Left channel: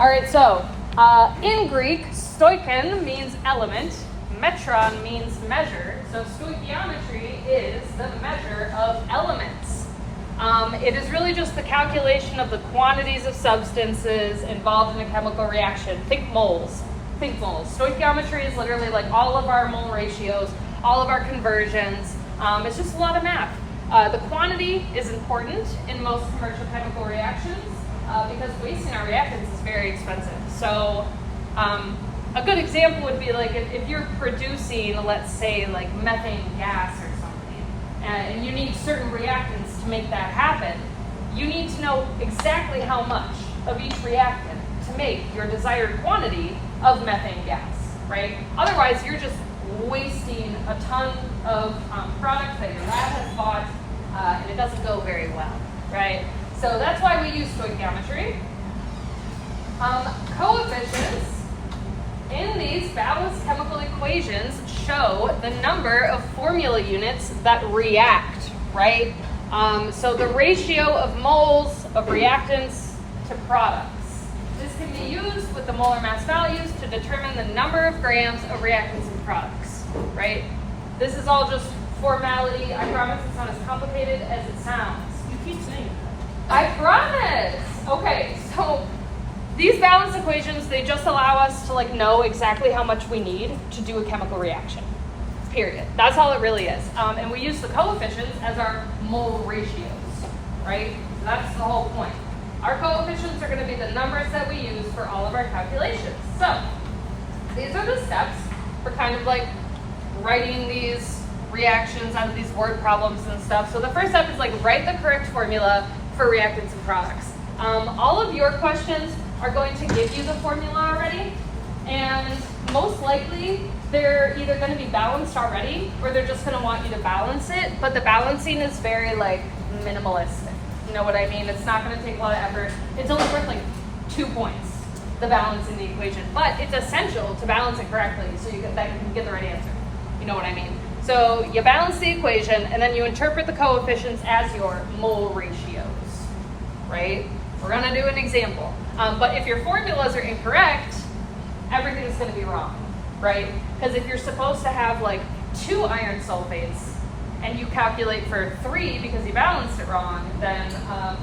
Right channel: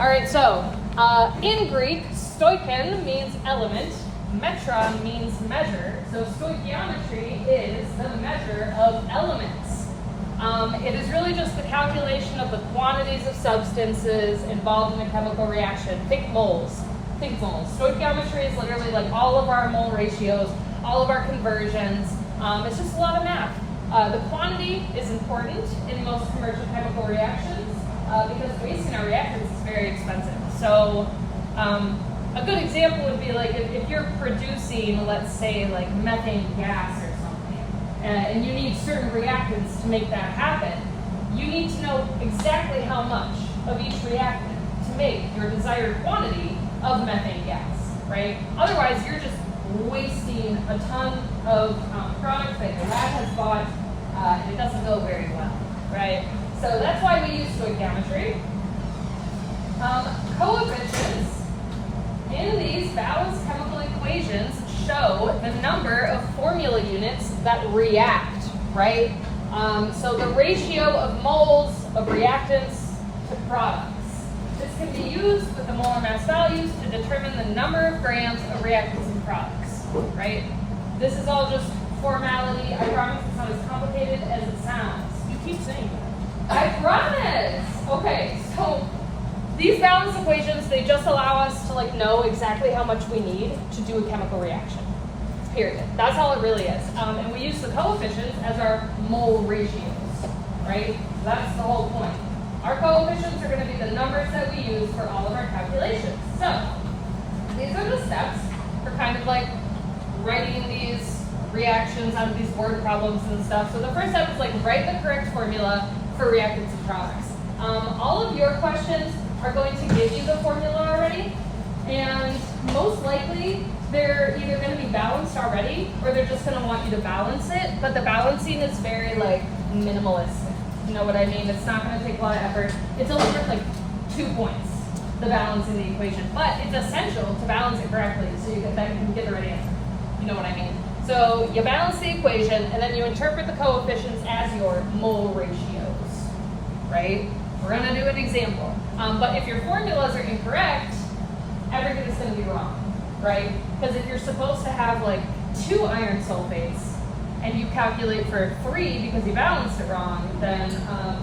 All right, so in Greek, stoichon means element, metron means measure. So stoichiometry is the measure of elements. It is really just the calculation of the quantities of substances involved in a chemical reaction. Think moles. Think moles. Stoichiometry is literally like all of our mole ratios, all of our conversions. It's just a lot of math. The quantity is important in most commercial chemical reactions because wasting our reactants is very expensive. So a good example would be like if you're producing, let's say, like methane gas or something, and you need certain reactants to make that happen, you need to know exactly how much of each reactant to make your desired quantity of methane gas, right? Otherwise, you're just wasting a ton of product that your lab has bought, and it doesn't go very well, right? So that's why we use stoichiometry. Coefficients in these balanced chemical equations show the number of formula units that react, right? So the ratio of moles of reactants to products. This can be used with the molar mass values to determine the number of grams of reactants and products, right? This is all just formality. I promise it's not as complicated as it sounds. You keep saying that. I promise. Okay, so these balanced equations, they just allow us to like know exactly how much we need to do a chemical reaction. Period. That's all it really is. And we use the coefficients as our mole ratios, right? So that's the whole point. Our coefficients are going to be the numbers that we use for all of our calculations. So these are the steps for kind of like writing these reactions out of these word problems and stuff. So the first step is like write the correct formula for reactants and products. All of your questions are going to give you the formula already, and most likely they're either going to be balanced already or they're just going to want you to balance it, but the balancing is very like minimalistic. You know what I mean? It's not going to take a lot of effort. It's only worth like 2 points, the balancing the equation, but it's essential to balance it correctly so you can get the right answer. You know what I mean? So you balance the equation and then you interpret the coefficients as your mole ratios, right? We're going to do an example. But if your formulas are incorrect, everything is going to be wrong, right? Because if you're supposed to have like 2 iron sulfates and you calculate for 3 because you balanced it wrong, then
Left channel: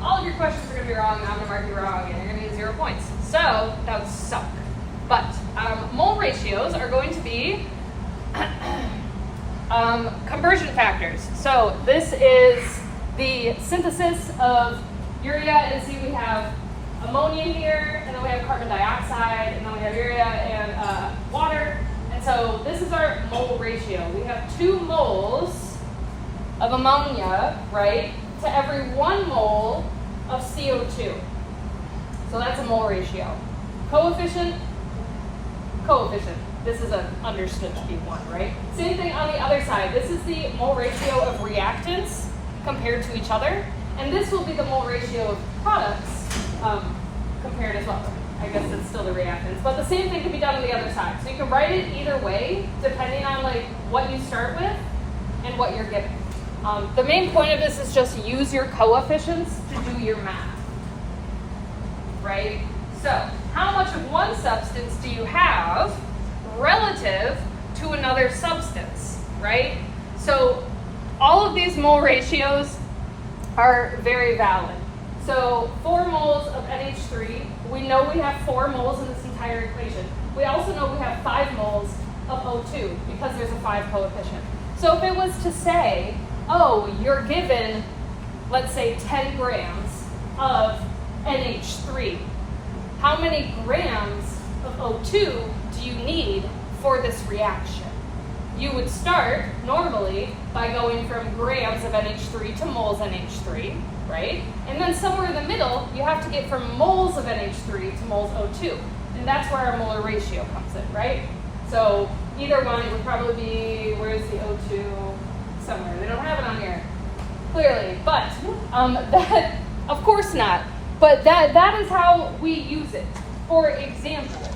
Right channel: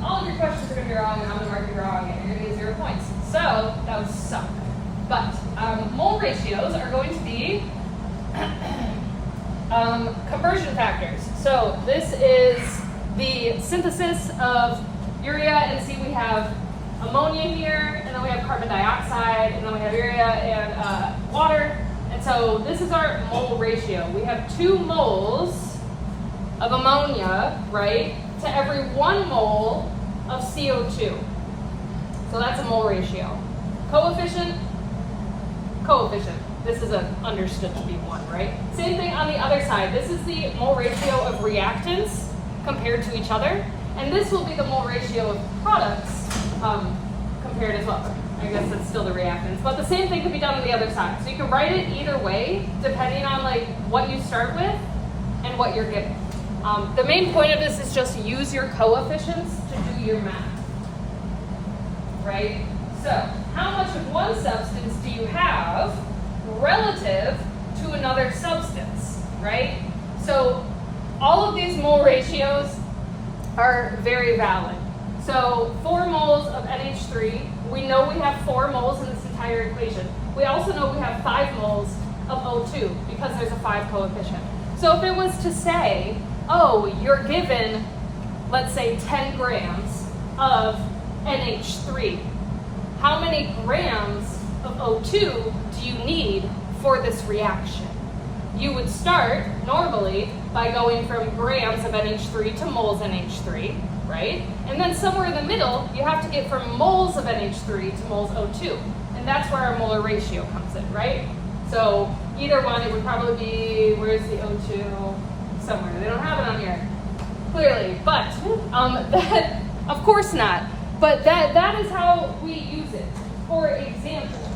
all of your questions are going to be wrong and I'm going to mark you wrong and you're going to get 0 points. So that would suck. But mole ratios are going to be conversion factors. So this is the synthesis of urea, and see we have ammonia here, and then we have carbon dioxide, and then we have urea and water. And so this is our mole ratio. We have 2 moles of ammonia, right, to every 1 mole of CO2. So that's a mole ratio. Coefficient. This is understood to be 1, right? Same thing on the other side. This is the mole ratio of reactants compared to each other. And this will be the mole ratio of products compared as well. I guess it's still the reactants. But the same thing can be done on the other side. So you can write it either way, depending on like what you start with and what you're given. The main point of this is just use your coefficients to do your math, right? So how much of one substance do you have relative to another substance, right? So all of these mole ratios are very valid. So 4 moles of NH3, we know we have 4 moles in this entire equation. We also know we have 5 moles of O2 because there's a 5 coefficient. So if it was to say, oh, you're given, let's say 10 grams of NH3, how many grams of O2 do you need for this reaction? You would start normally by going from grams of NH3 to moles NH3, right? And then somewhere in the middle, you have to get from moles of NH3 to moles O2. And that's where our molar ratio comes in, right? So either one, it would probably be, where's the O2? Somewhere. They don't have it on here, clearly. But that, of course not. But that is how we use it. For example,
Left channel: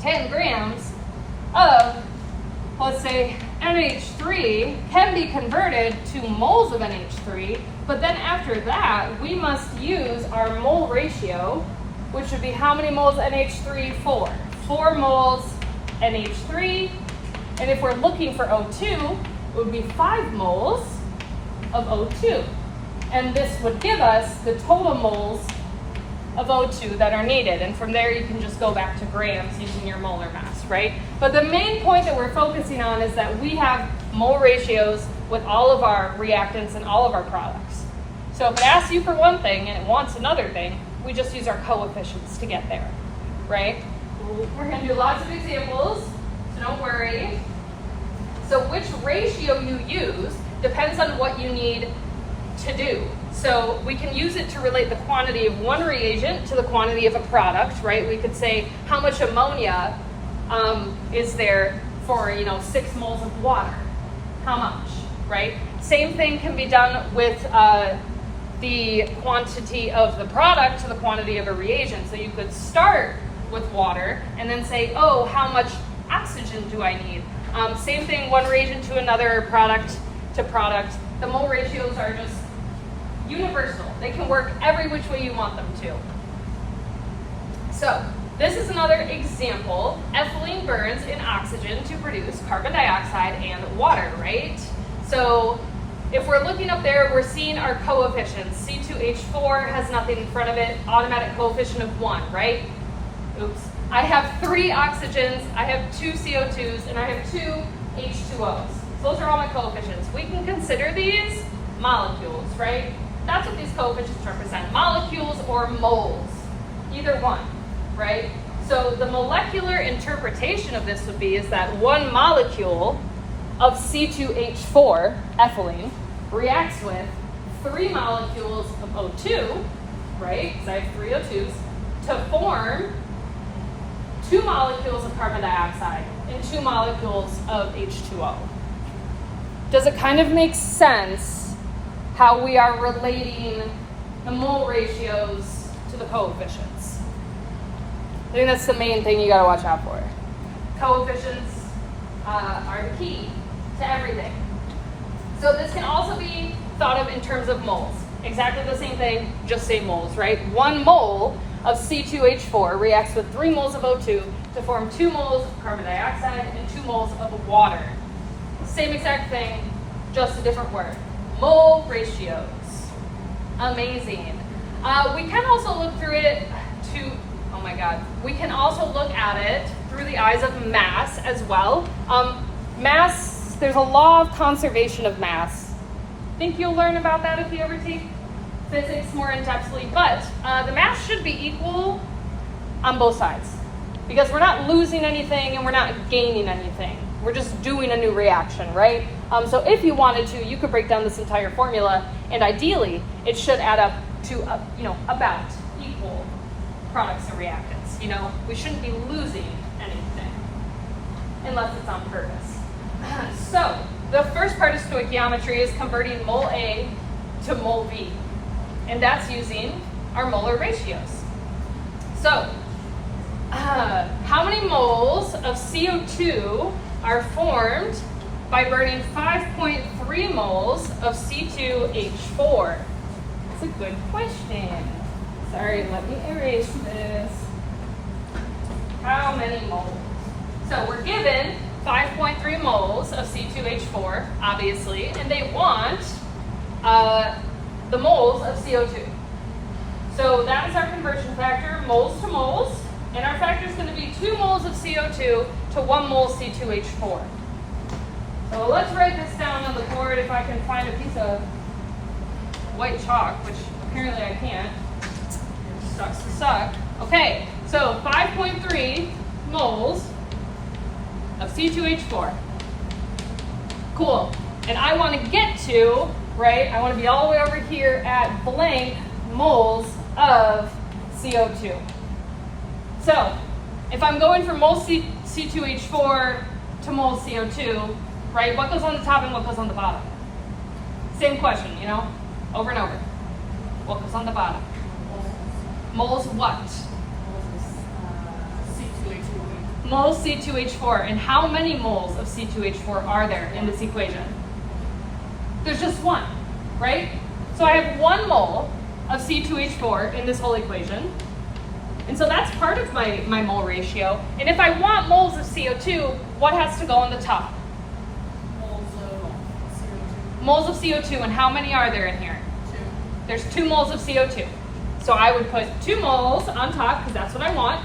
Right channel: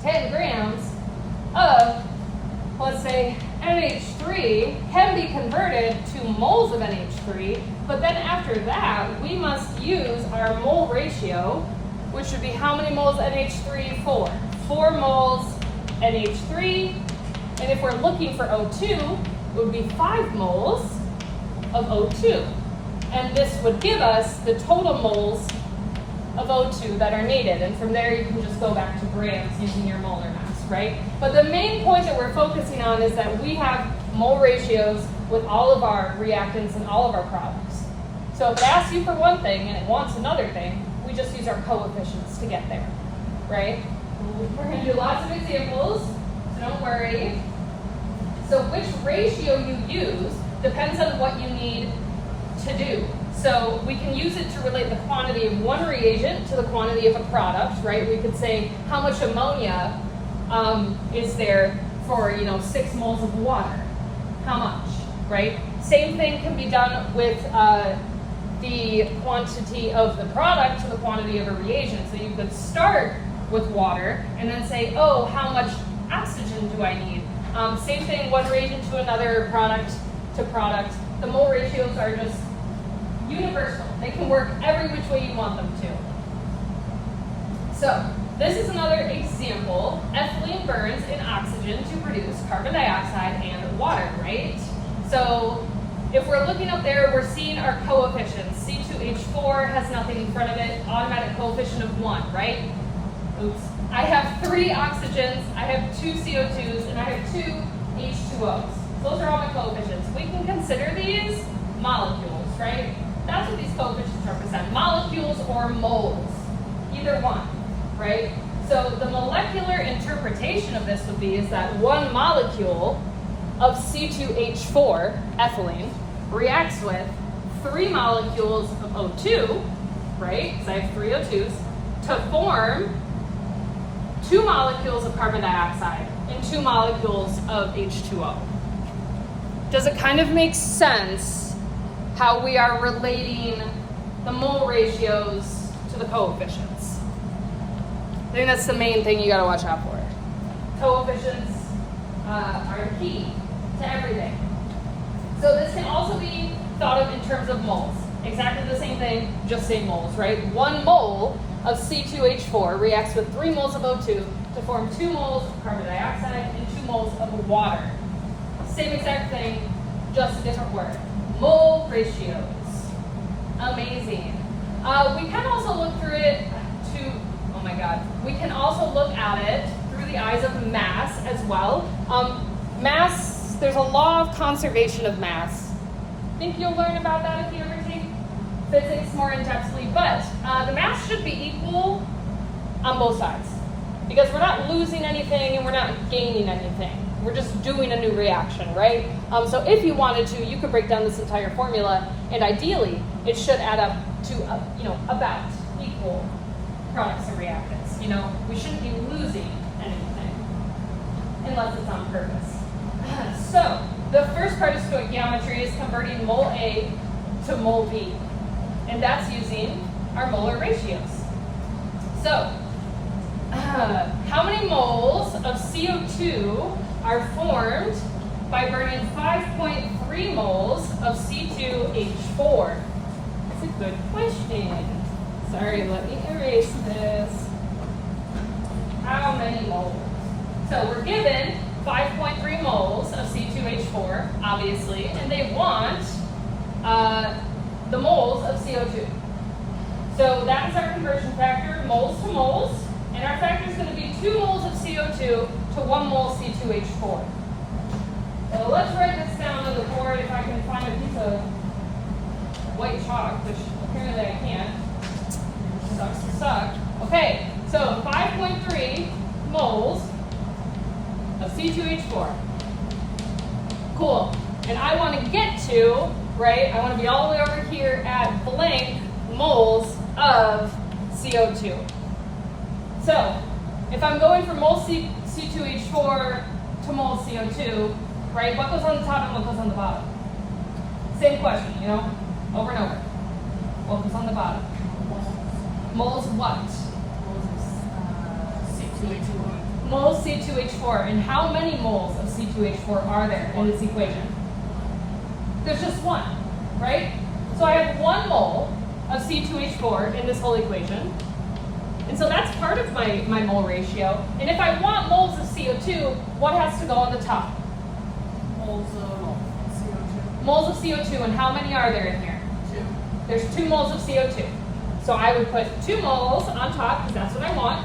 10 grams of, let's say, NH3 can be converted to moles of NH3, but then after that, we must use our mole ratio which would be how many moles NH3? 4. 4 moles NH3. And if we're looking for O2, it would be 5 moles of O2. And this would give us the total moles of O2 that are needed. And from there, you can just go back to grams using your molar mass, right? But the main point that we're focusing on is that we have mole ratios with all of our reactants and all of our products. So if it asks you for one thing and it wants another thing, we just use our coefficients to get there, right? We're going to do lots of examples, so don't worry. So which ratio you use depends on what you need to do. So we can use it to relate the quantity of one reagent to the quantity of a product, right? We could say how much ammonia is there for, 6 moles of water. How much, right? Same thing can be done with the quantity of the product to the quantity of a reagent. So you could start with water and then say, oh, how much oxygen do I need? Same thing, one reagent to another, product to product. The mole ratios are just universal. They can work every which way you want them to. So this is another example. Ethylene burns in oxygen to produce carbon dioxide and water, right? So if we're looking up there, we're seeing our coefficients. C2H4 has nothing in front of it, automatic coefficient of 1, right? Oops. I have 3 oxygens, I have 2 CO2s, and I have 2 H2Os. So those are all my coefficients. We can consider these molecules, right? That's what these coefficients represent, molecules or moles, either one, right? So the molecular interpretation of this would be is that one molecule of C2H4, ethylene, reacts with 3 molecules of O2, right, because I have 3 O2s, to form 2 molecules of carbon dioxide and 2 molecules of H2O. Does it kind of make sense how we are relating the mole ratios to the coefficients? I think that's the main thing you gotta watch out for. Coefficients are key to everything. So this can also be thought of in terms of moles. Exactly the same thing, just say moles, right? 1 mole of C2H4 reacts with 3 moles of O2 to form 2 moles of carbon dioxide and 2 moles of water. Same exact thing, just a different word. Mole ratios. Amazing. We can also look through it to, oh my God, we can also look at it through the eyes of mass as well. Mass, there's a law of conservation of mass. Think you'll learn about that if you ever take physics more in-depthly, but the mass should be equal on both sides because we're not losing anything and we're not gaining anything. We're just doing a new reaction, right? So if you wanted to, you could break down this entire formula, and ideally, it should add up to about equal products and reactants. We shouldn't be losing anything unless it's on purpose. So the first part of stoichiometry is converting mole A to mole B, and that's using our molar ratios. So how many moles of CO2 are formed by burning 5.3 moles of C2H4? That's a good question. Sorry, let me erase this. How many moles? So we're given 5.3 moles of C2H4, obviously, and they want the moles of CO2. So that is our conversion factor, moles to moles, and our factor is going to be 2 moles of CO2 to 1 mole C2H4. So let's write this down on the board if I can find a piece of white chalk, which apparently I can't. Sucks to suck. Okay, so 5.3 moles of C2H4. Cool. And I want to get to, right, I want to be all the way over here at blank moles of CO2. So if I'm going from mole C2H4 to mole CO2, right, what goes on the top and what goes on the bottom? Same question, over and over. What goes on the bottom? Moles what? C2H4. Moles C2H4. And how many moles of C2H4 are there in this equation? There's just 1, right? So I have 1 mole of C2H4 in this whole equation. And And so that's part of my mole ratio. And if I want moles of CO2, what has to go in the top? Moles of CO2. Moles of CO2, and how many are there in here? 2. There's 2 moles of CO2. So I would put 2 moles on top, because that's what I want.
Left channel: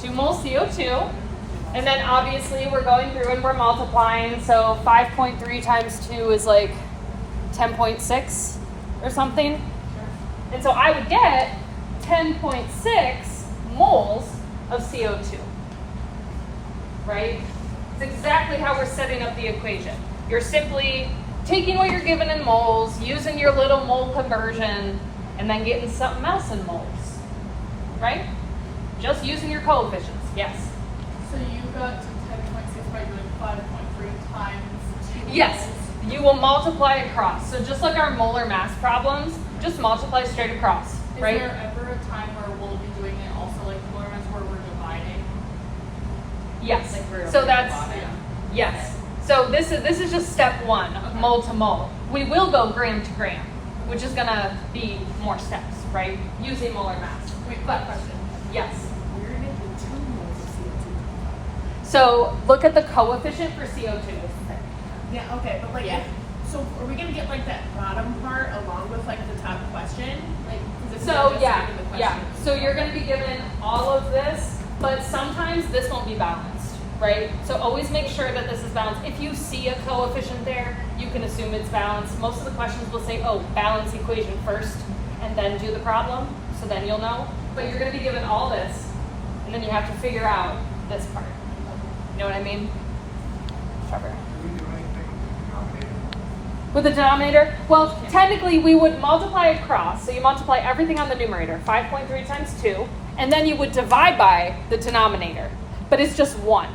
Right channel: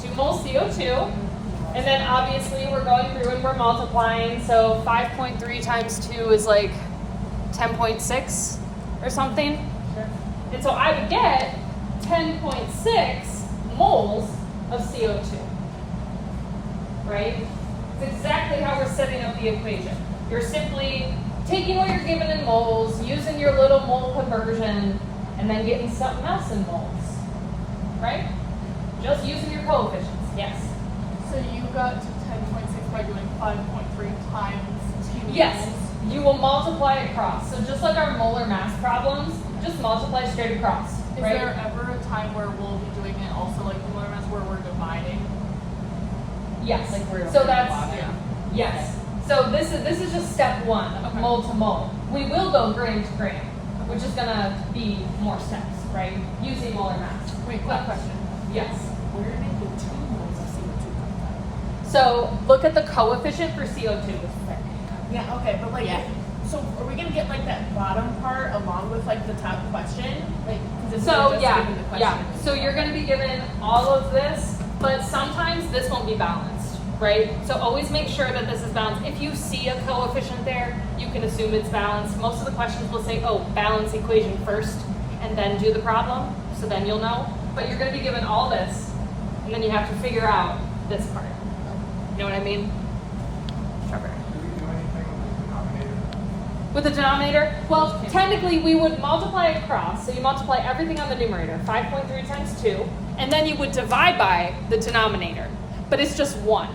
2 moles CO2. And then obviously we're going through and we're multiplying. So 5.3 times 2 is like 10.6 or something. Sure. And so I would get 10.6 moles of CO2, right? It's exactly how we're setting up the equation. You're simply taking what you're given in moles, using your little mole conversion, and then getting something else in moles, right? Just using your coefficients, yes. So you got to 10.6 by doing 5.3 times 2. Yes, moles. you will multiply across. So just like our molar mass problems, just multiply straight across, Is right? there ever a time where we'll be doing it also like the molar mass where we're dividing? Yes. Like we're So over that's bottom. yes. So this is just step 1 of Okay. mole to mole. We will go gram to gram, which is gonna be more steps, right? Using molar mass. Wait, quick question. Yes. Where did it get 2 moles of CO2? So look at the coefficient for CO2. Yeah, okay, but like, Yeah. so are we gonna get like that bottom part along with like the top question? Like, 'cause isn't So it just yeah, given the yeah. question? So you're going to be given all of this, but sometimes this won't be balanced, right? So always make sure that this is balanced. If you see a coefficient there, you can assume it's balanced. Most of the questions will say, oh, balance equation first, and then do the problem. So then you'll know. But you're going to be given all this, and then you have to figure out this part. You know what I mean? Trevor. Do we do anything With the denominator? Well, technically we would multiply across. So you multiply everything on the numerator, 5.3 times 2, and then you would divide by the denominator. But it's just 1.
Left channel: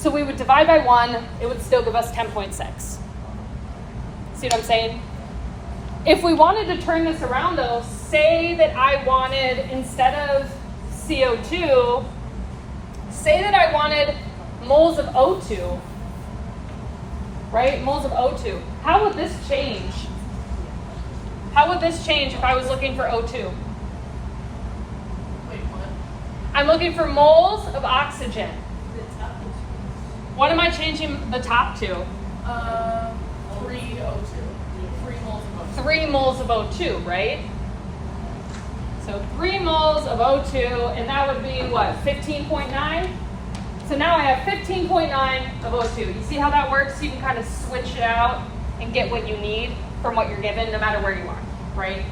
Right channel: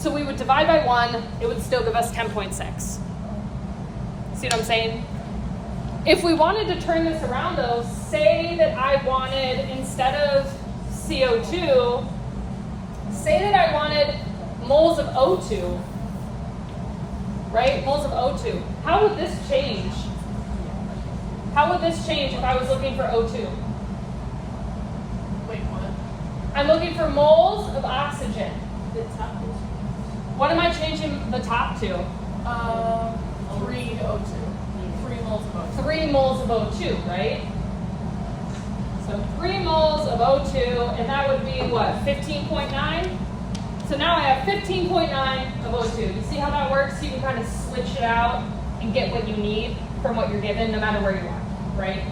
So we would divide by 1, it would still give us 10.6. See what I'm saying? If we wanted to turn this around though, say that I wanted, instead of CO2, say that I wanted moles of O2, right? Moles of O2. How would this change? How would this change if I was looking for O2? Wait, what? I'm looking for moles of oxygen. The top is What am I changing the top to? 3 O2. 3 moles of O2. 3 moles of O2, right? So 3 moles of O2, and that would be what, 15.9? So now I have 15.9 of O2. You see how that works? You can kind of switch it out and get what you need from what you're given, no matter where you are, right?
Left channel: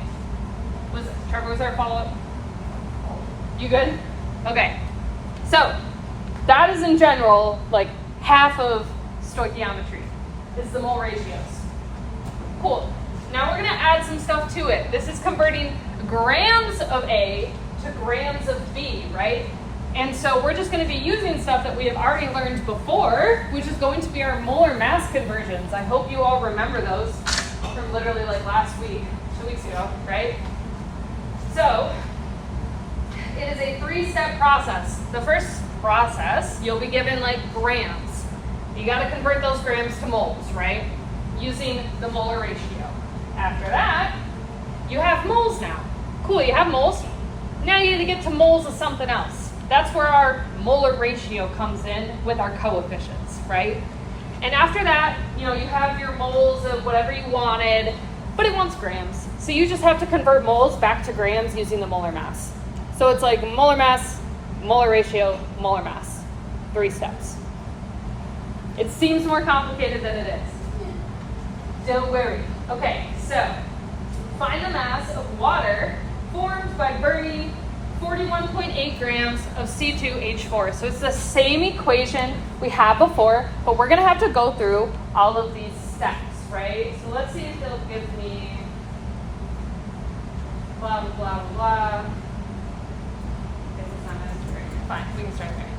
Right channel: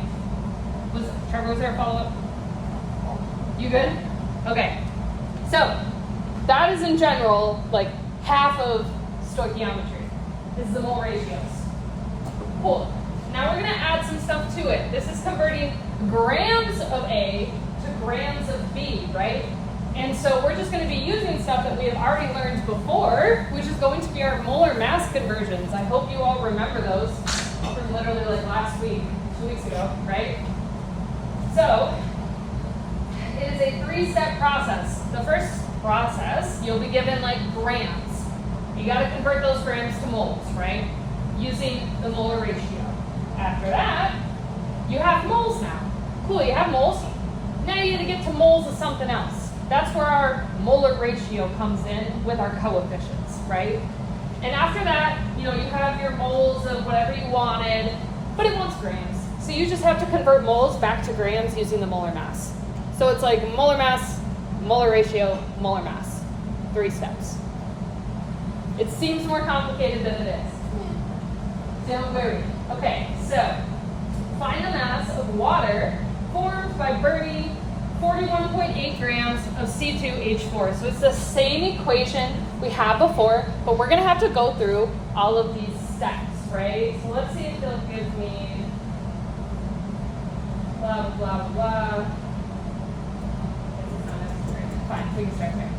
Trevor, was there a follow-up? You good? Okay. So that is in general like half of stoichiometry is the mole ratios. Cool. Now we're gonna add some stuff to it. This is converting grams of A to grams of B, right? And so we're just gonna be using stuff that we have already learned before, which is going to be our molar mass conversions. I hope you all remember those from literally like last week, 2 weeks ago, right? So it is a 3-step process. The first process, you'll be given like grams. You gotta convert those grams to moles, right? Using the molar ratio. After that, you have moles now. Cool, you have moles. Now you gotta get to moles of something else. That's where our molar ratio comes in with our coefficients, right? And after that, you have your moles of whatever you wanted, but it wants grams. So you just have to convert moles back to grams using the molar mass. So it's like molar mass, molar ratio, molar mass. 3 steps. It seems more complicated than it is. Don't worry. Okay, so find the mass of water formed by burning 41.8 grams of C2H4. So it's the same equation we had before, but we're gonna have to go through all of these steps, right? So let's see if it'll give me blah, blah, blah, blah. Fine, we can start there.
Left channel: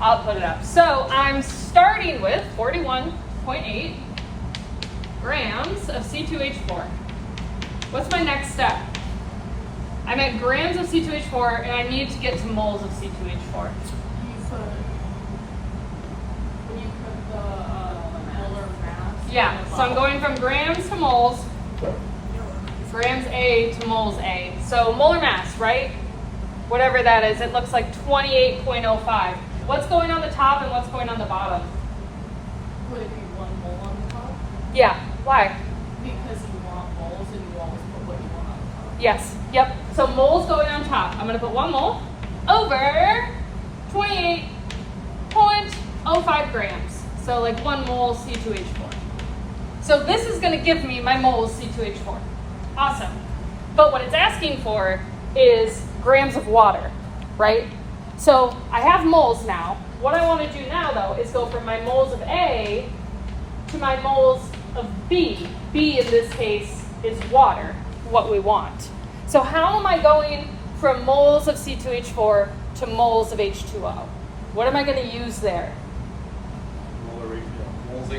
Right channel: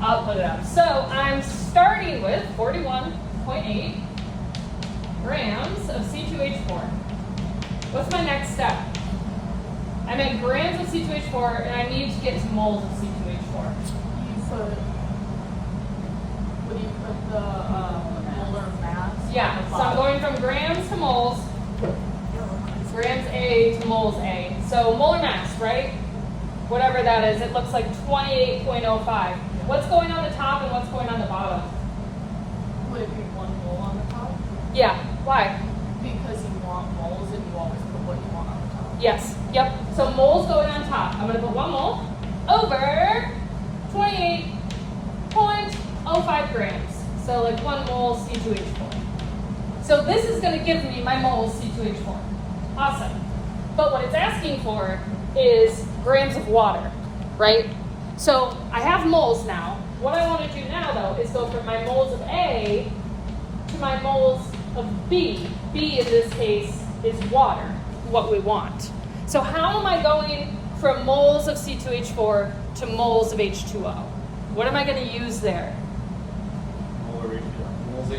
I'll put it up. So I'm starting with 41.8 grams of C2H4. What's my next step? I'm at grams of C2H4 and I need to get to moles of C2H4. When you put the molar mass. Yeah, so I'm going from grams to moles, grams A to moles A. So molar mass, right? whatever that is. It looks like 28.05. What's going on the top and what's going on the bottom? Would it be 1 mole on the top? Yeah, why? Because you want moles and you always put what you want on the top. Yes, yep. So moles going on top. I'm going to put 1 mole over 28.05 grams. So like 1 mole C2H4. So this is going to give me my moles C2H4. Awesome. But what it's asking for is grams of water, right? So I have moles now. What I want to do now, though, is go from my moles of A to my moles of B. B, in this case, is water, what we want. So how am I going from moles of C2H4 to moles of H2O? What am I going to use there? Moles H2O, moles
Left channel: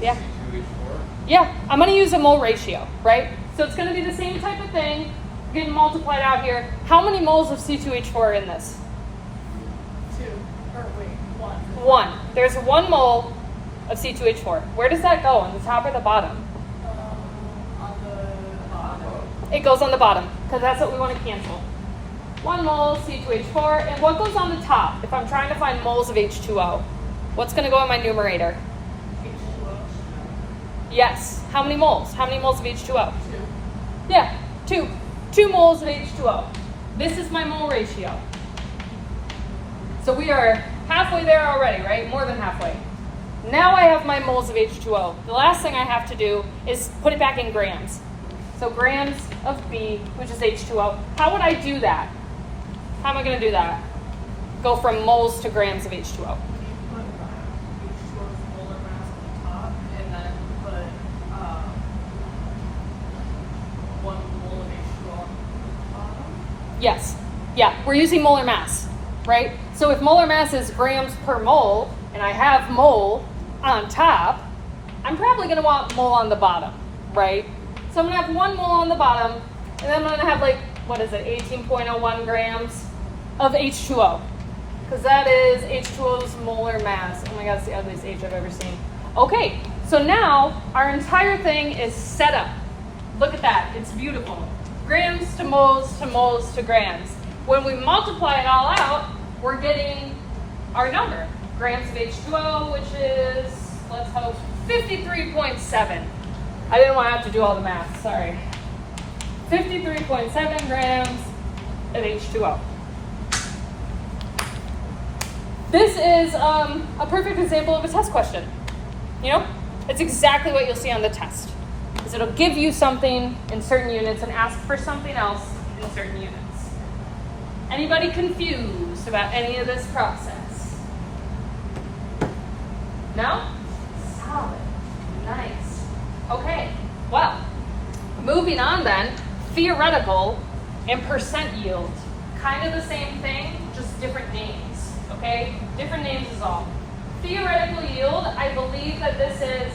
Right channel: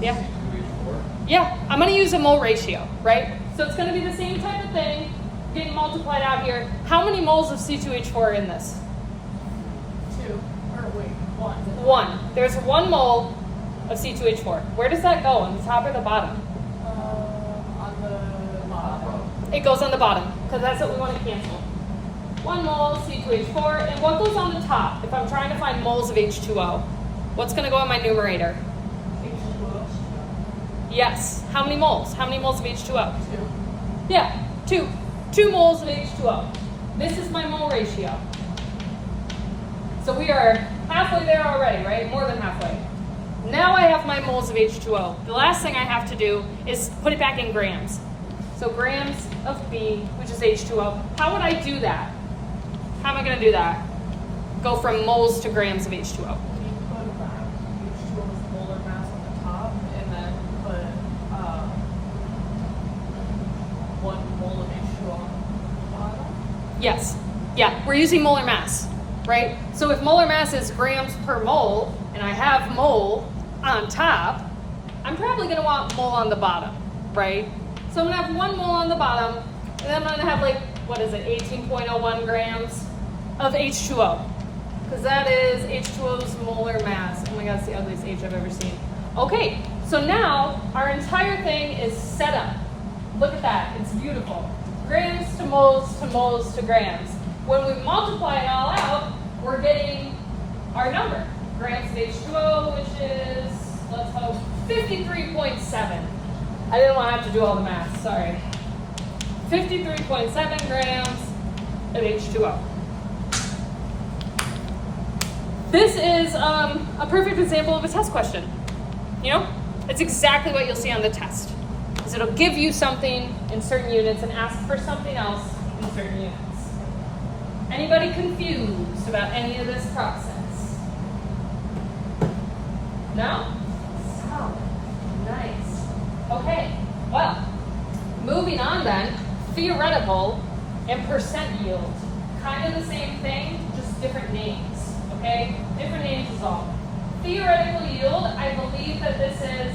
Yeah. C2H4. Yeah, I'm going to use a mole ratio, right? So it's going to be the same type of thing, getting multiplied out here. How many moles of C2H4 are in this? 2. Or wait, 1. 1. There's 1 mole of C2H4. Where does that go, on the top or the bottom? On the bottom. It goes on the bottom, because that's what we want to cancel. 1 mole C2H4, and what goes on the top? If I'm trying to find moles of H2O, what's going to go in my numerator? H2O. Yes. How many moles? How many moles of H2O? 2. Yeah, 2. 2 moles of H2O. This is my mole ratio. So we are halfway there already, right? More than halfway. Now I have my moles of H2O. The last thing I have to do is put it back in grams. So grams of B, which is H2O. How would I do that? How am I going to do that? Go from moles to grams of H2O. You put H2O's molar mass on the top and then put 1 mole of H2O on the bottom. Yes. Yeah, we're using molar mass, right? So if molar mass is grams per mole, and I have mole on top, I'm probably going to want mole on the bottom, right? So I'm going to have 1 mole on the bottom, and then I'm going to have 18.01 grams of H2O. Because that is H2O's molar mass. Oh my god, it's the ugliest H I've ever seen. Okay, so now our entire thing is set up. Look at that, it's beautiful. Grams to moles to moles to grams. When we multiply it all out, we're getting our number. Grams of H2O, which is, let's hope, 53.7. I didn't want to have to do all the math, sorry. 53.7 grams of H2O. This is a perfect example of a test question. You know, it's exactly what you'll see on the test. Is it'll give you something in certain units and ask for something else in certain units. Anybody confused about any of this process? No? Solid. Nice. Okay, well, moving on then, theoretical and percent yield. Kind of the same thing, just different names. Okay, different names is all. Theoretical yield, I believe that this is,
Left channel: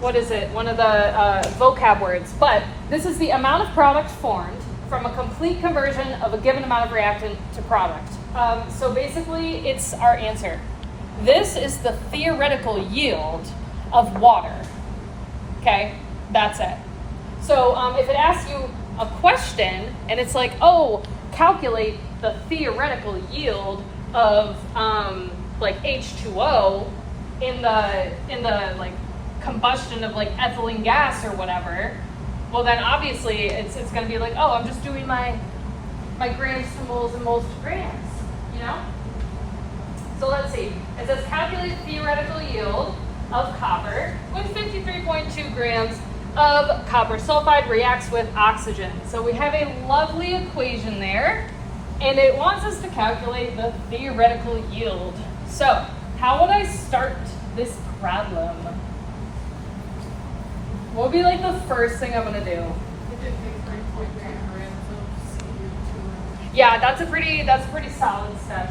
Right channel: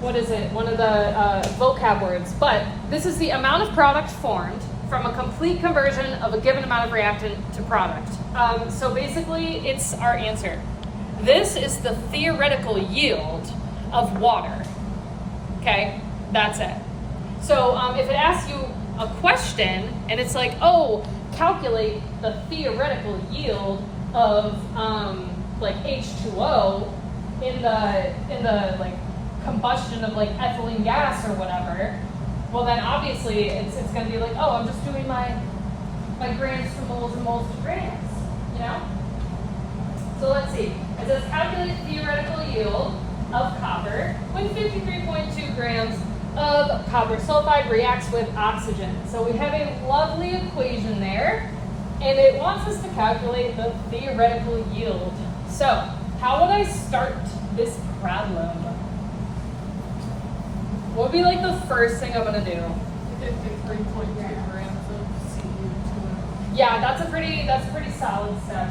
what is it? One of the vocab words. But this is the amount of product formed from a complete conversion of a given amount of reactant to product. So basically, it's our answer. This is the theoretical yield of water. Okay, that's it. So if it asks you a question and it's like, oh, calculate the theoretical yield of H2O in the like combustion of ethylene gas or whatever, well then obviously it's going to be like, oh, I'm just doing my grams to moles and moles to grams, you know? So let's see. It says calculate theoretical yield of copper when 53.2 grams of copper sulfide reacts with oxygen. So we have a lovely equation there, and it wants us to calculate the theoretical yield. So how would I start this problem? What would be the first thing I'm gonna do? 53.3 grams of CO2. Yeah, that's a pretty solid step.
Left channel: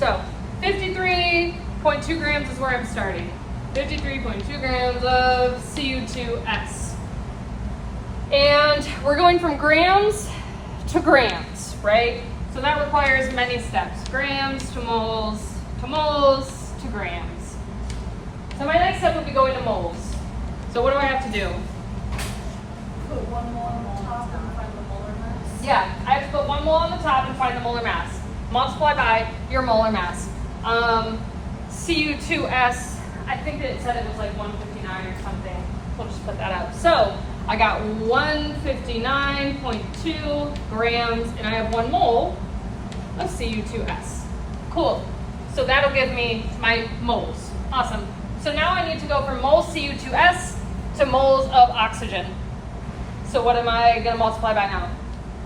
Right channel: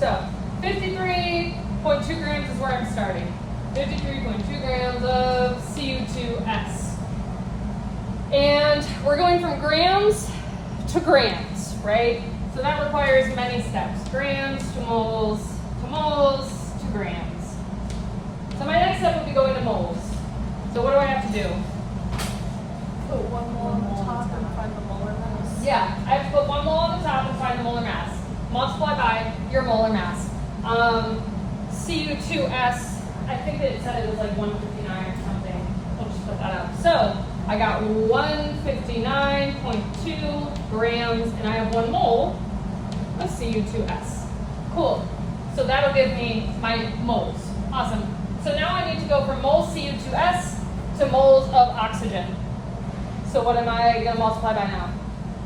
So 53.2 grams is where I'm starting. 53.2 grams of Cu2S. And we're going from grams to grams, right? So that requires many steps. Grams to moles to grams. So my next step will be going to moles. So what do I have to do? Put 1 mole on the top and find Yeah, I have to put 1 mole on the top and find the molar mass. Multiply by your molar mass. Cu2S, I think it said it was like 159 or something. We'll just put that up. So I got 159.2 grams, and I have 1 mole of Cu2S. Cool. So that'll give me my moles. Awesome. So now I need to go from moles Cu2S to moles of oxygen. So what am I going to multiply by now?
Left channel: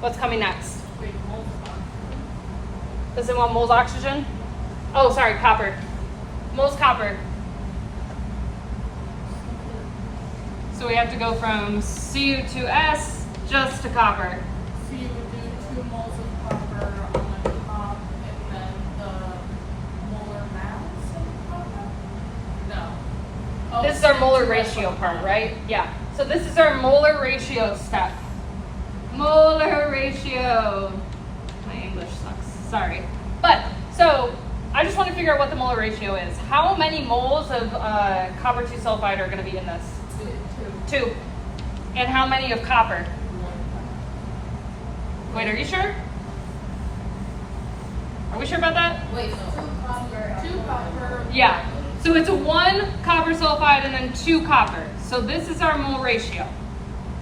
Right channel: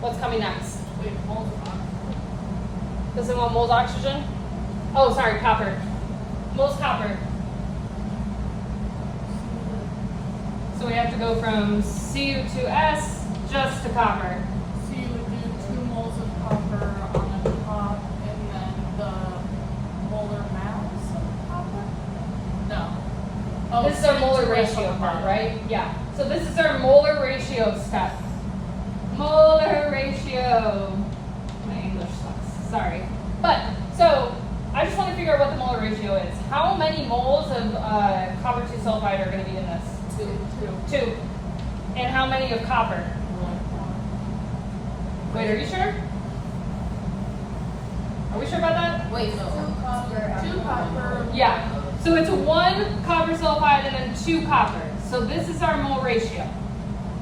What's coming next? Wait, moles of oxygen. Does it want moles oxygen? Oh, sorry, copper. Moles copper. So we have to go from Cu2S just to copper. So you would do 2 moles of copper on the top and then the molar mass of copper? No. Oh, This is our molar Cu2S ratio on part, top. right? Yeah. So this is our molar ratio step. Molar ratio. My English sucks. Sorry. But, so, I just want to figure out what the molar ratio is. How many moles of copper 2 sulfide are going to be in this? 2. And how many of copper? Wait, are you sure? Are we sure about that? Wait, so 2 copper. Yeah. So it's 1 copper sulfide and then 2 copper. So this is our mole ratio.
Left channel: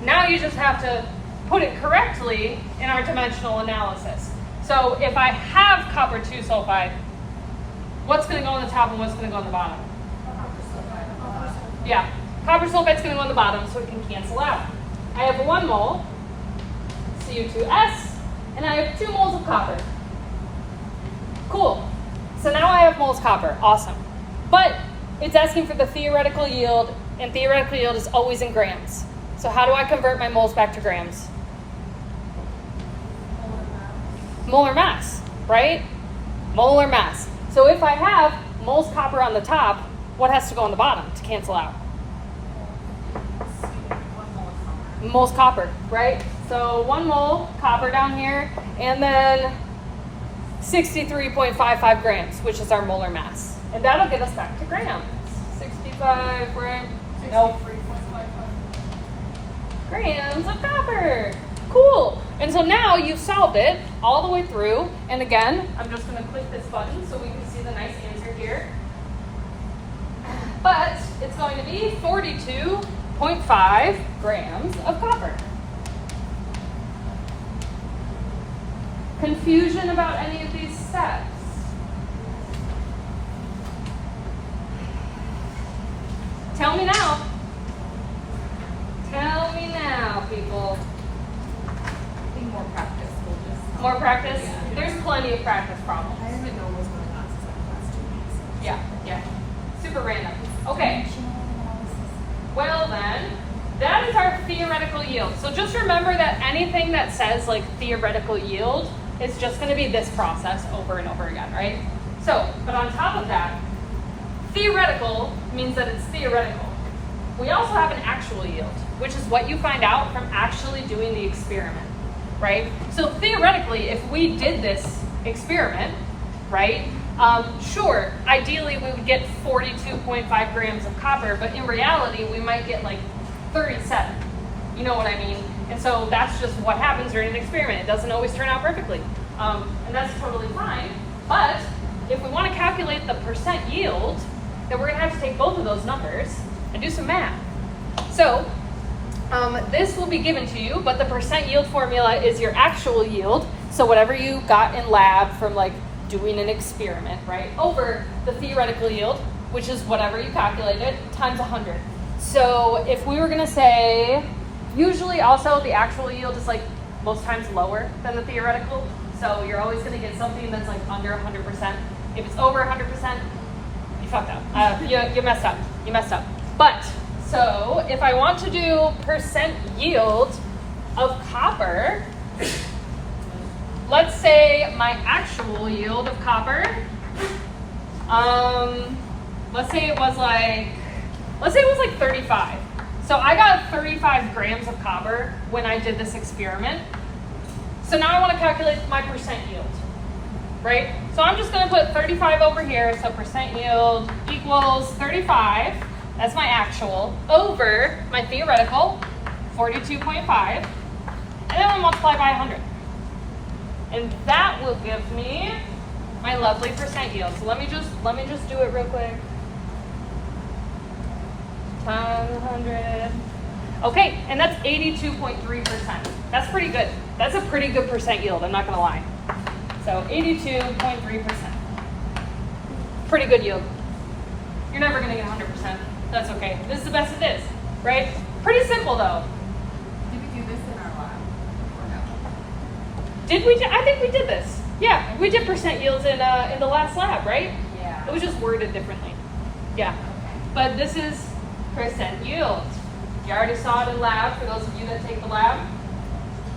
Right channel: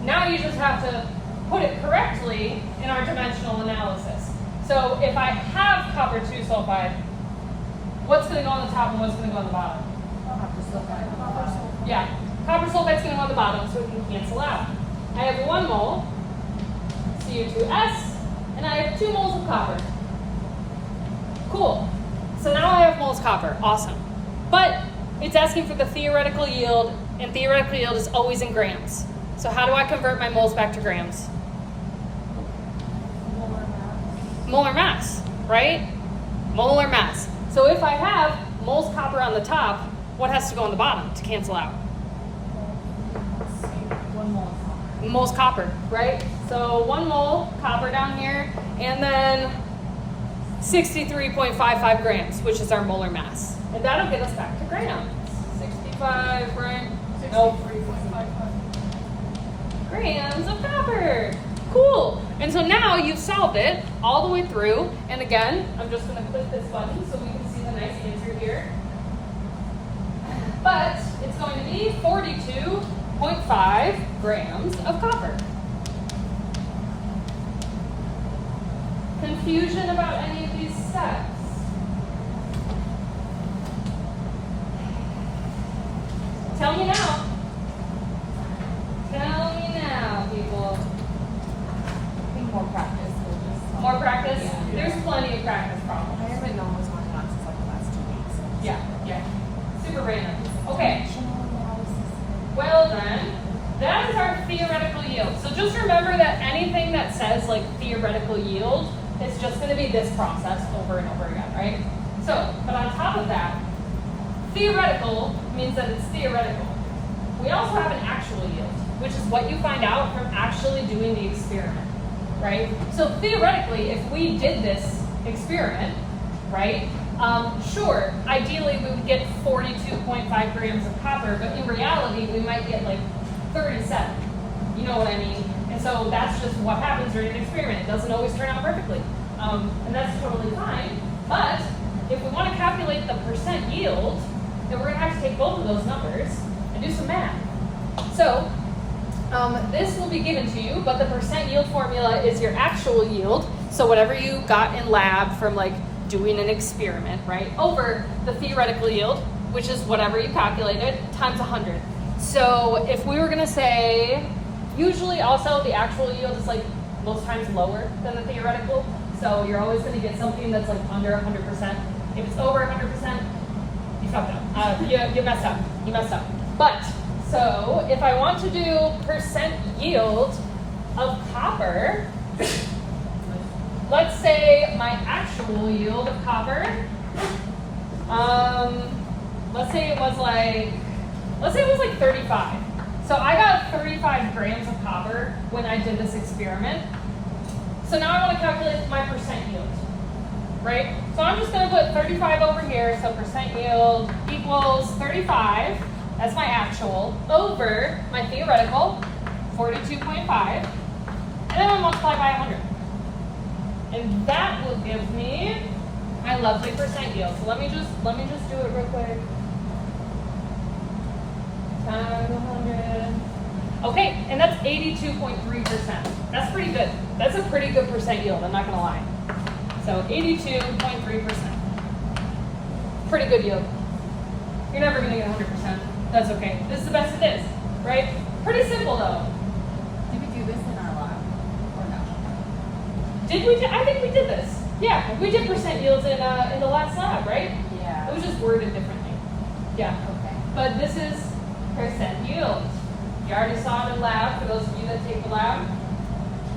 Now you just have to put it correctly in our dimensional analysis. So if I have copper 2 sulfide, what's going to go on the top and what's going to go on the bottom? Yeah. Copper sulfide's going to go on the bottom so it can cancel out. I have 1 mole, Cu2S, and I have 2 moles of copper. Cool. So now I have moles copper. Awesome. But it's asking for the theoretical yield, and theoretical yield is always in grams. So how do I convert my moles back to grams? Molar mass, right? Molar mass. So if I have moles copper on the top, what has to go on the bottom to cancel out? 1 mole of copper. Moles copper, right? So 1 mole copper down here, and then 63.55 grams, which is our molar mass. And that'll get us back to grams. 65 grams. Nope. 63.55. Grams of copper. Cool. And so now you've solved it all the way through. And again, I'm just going to click this button so we can see the nice answer here. But it's going to be 42.5 grams of copper. Confusion about any of these steps? Tell me now. Tell me now, people. more practice. More practice? Yeah. There's plenty of practice problems. I haven't known what's going on since like the last 2 weeks. Yeah. Super random. Okay. Well then, that is our theoretical yield. So just remember that anything that says like theoretical yield is just going to be this process over and over again, right? So, but on top of that, theoretical means that it's theoretical. We also have an actual yield, which is what you find out from actually doing the experiment, right? So theoretically, if we did this experiment, right, sure, ideally we would get 42.5 grams of copper, but in reality, we might get like 37. You know what I mean? And so that's just what happens during an experiment. It doesn't always turn out perfectly. And that's totally fine. But if we want to calculate the percent yield, then we're going to have to take both of those numbers and do some math. So this will be given to you, but the percent yield formula is your actual yield. So whatever you got in lab from like doing an experiment, right, over the theoretical yield, which is whatever you calculated, times 100. So if we were going to say, usually also the actual yield is like most times lower than the theoretical. So you're always going to get something that's like under 100%. If it's over 100%, you fucked up. You messed up. You messed up. But, so if I want to do percent yield of copper, let's say my actual yield of copper, let's say it was like 35. So I got 35 grams of copper when I did this experiment. So now I want to calculate my percent yield, right? So I'm just going to put 35 over here. So percent yield equals 35. That's my actual over my theoretical, 42.5. And then we multiply by 100. And that will give me my lovely percent yield. So let me just do it real quick. 100. Okay, and that's 82.3%. That's pretty good. That's a pretty good percent yield, I'm not gonna lie. So 82.3%. Pretty good yield. You're never gonna get 100%. That's okay. This is the best it is, right? Pretty simple though. Did we do this in our lab? Or no? Did we? I think we did this. Yeah, we did percent yields in the last lab, right? Yeah. It was just worded differently. Yeah. Okay. But this is percent yield. You already saw it in lab for those of you that take the lab,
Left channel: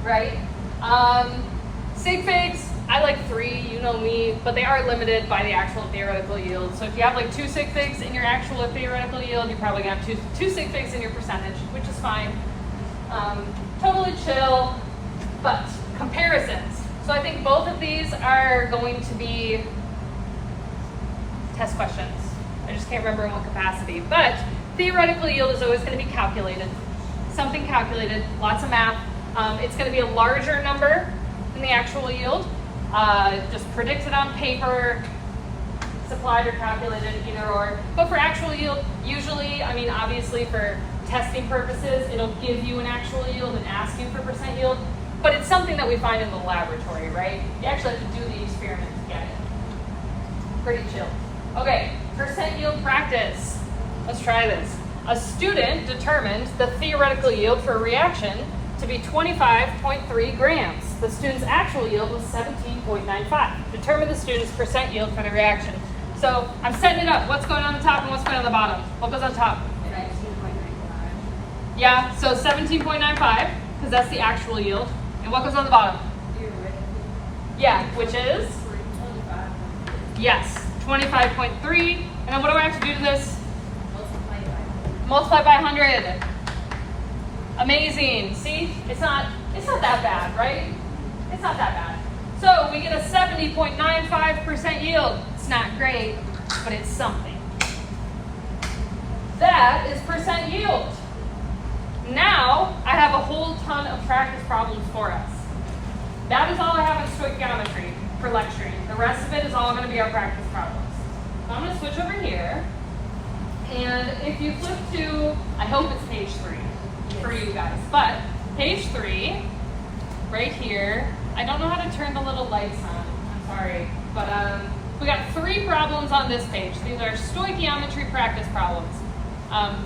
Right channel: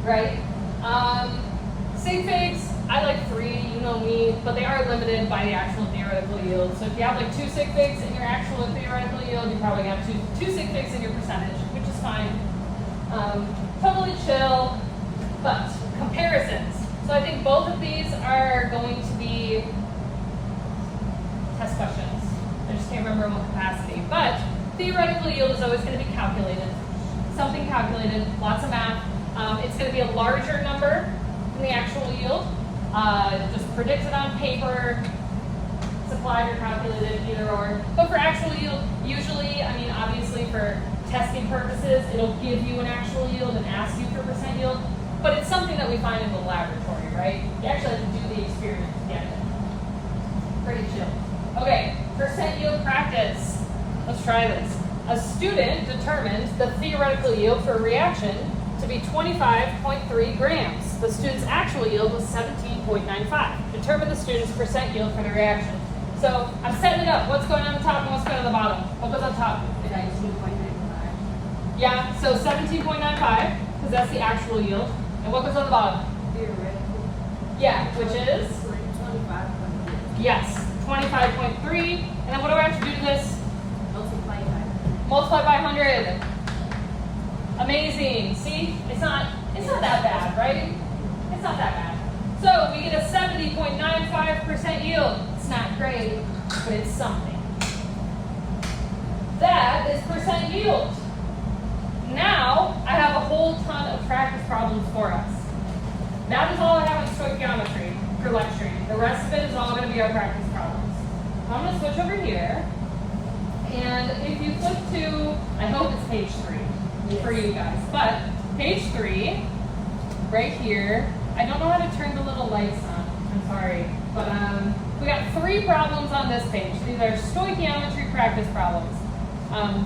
right? Sig figs, I like 3, you know me, but they are limited by the actual theoretical yield. So if you have like 2 sig figs in your actual theoretical yield, you're probably gonna have two sig figs in your percentage, which is fine. Totally chill, but comparisons. So I think both of these are going to be test questions. I just can't remember in what capacity, but theoretical yield is always going to be calculated. Something calculated, lots of math. It's going to be a larger number than the actual yield. Just predicted on paper, supplied or calculated, either or. But for actual yield, usually, I mean, obviously for testing purposes, it'll give you an actual yield and ask you for percent yield. But it's something that we find in the laboratory, right? You actually have to do the experiment to get it. Pretty chill. Okay, percent yield practice. Let's try this. A student determined the theoretical yield for a reaction to be 25.3 grams. The student's actual yield was 17.95. Determine the student's percent yield for the reaction. So I'm setting it up. What's going on the top and what's going on the bottom? What goes on top? 19.95. Yeah, so 17.95, because that's the actual yield. And what goes on the bottom? Theoretical. Yeah, which is? 25. Yes, 25.3. And then what do I have to do to this? Multiply by. Multiply by 100. Amazing. See, it's not that bad, right? It's not that bad. So we get a 70.95% yield. It's not great, but it's something. That is percent yield. Now I have a whole ton of practice problems for us. That is all I have on stoichiometry for lecturing. The rest of it is all going to be our practice problems. So I'm going to switch over here. And if you flip to, I hope it's page 3 for you guys, but page 3, right here, I don't know how to turn the little lights on, I'm sorry, but we got 3 problems on this page. These are stoichiometry practice problems.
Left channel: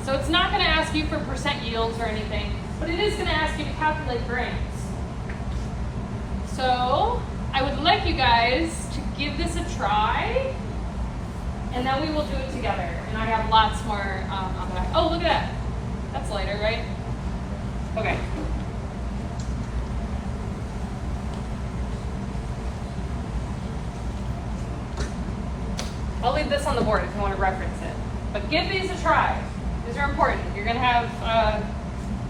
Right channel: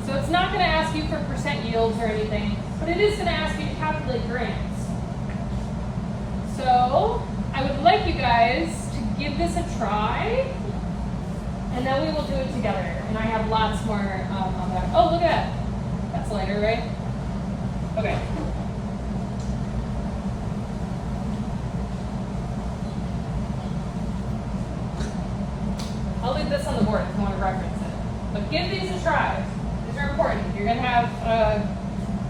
So it's not going to ask you for percent yields or anything, but it is going to ask you to calculate grams. So I would like you guys to give this a try, and then we will do it together. And I have lots more on that. Oh, look at that. That's lighter, right? Okay. I'll leave this on the board if you want to reference it. But give these a try. These are important. You're going to have,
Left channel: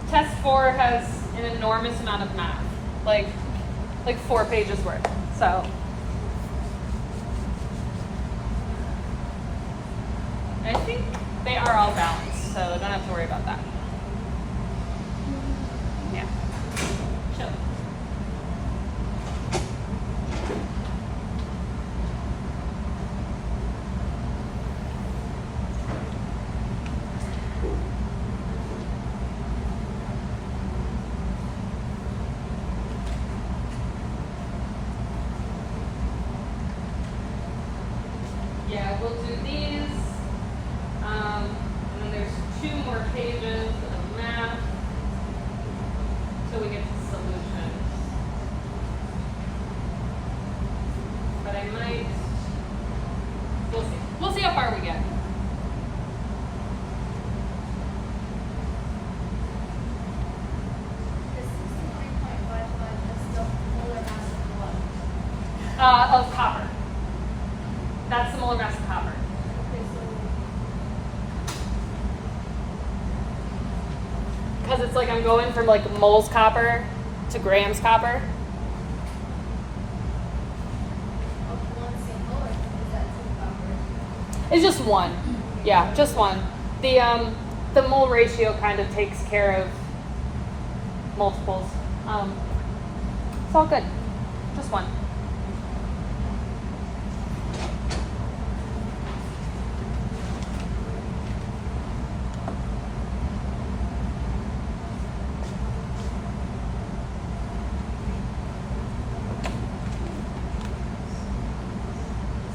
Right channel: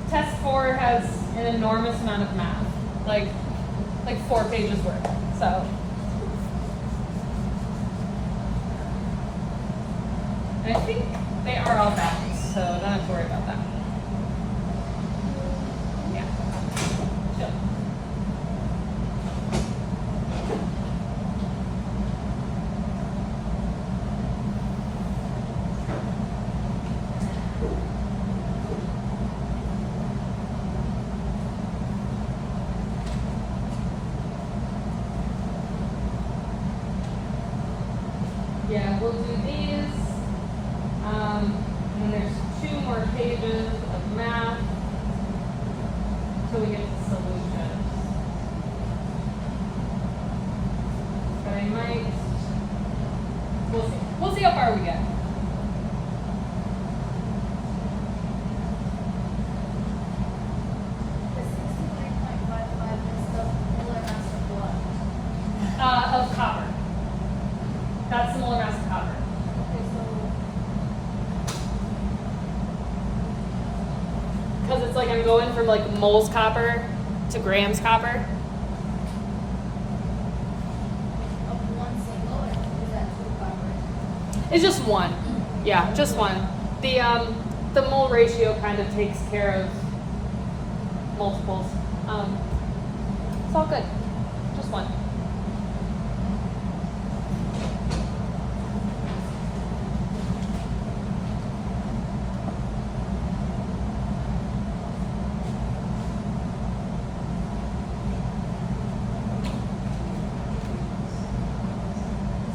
test 4 has an enormous amount of math. Like 4 pages worth. So. I think they are all balanced, so don't have to worry about that. Yeah. Chill. Yeah, we'll do these. And then there's 2 more pages of math until we get to solutions. But I might, we'll see. We'll see how far we get. Of copper. That's the molar mass of copper. Because it's like I'm going from like moles copper to grams copper. It's just one. Yeah, just one. The mole ratio kind of takes care of multiples. It's all good. Just one.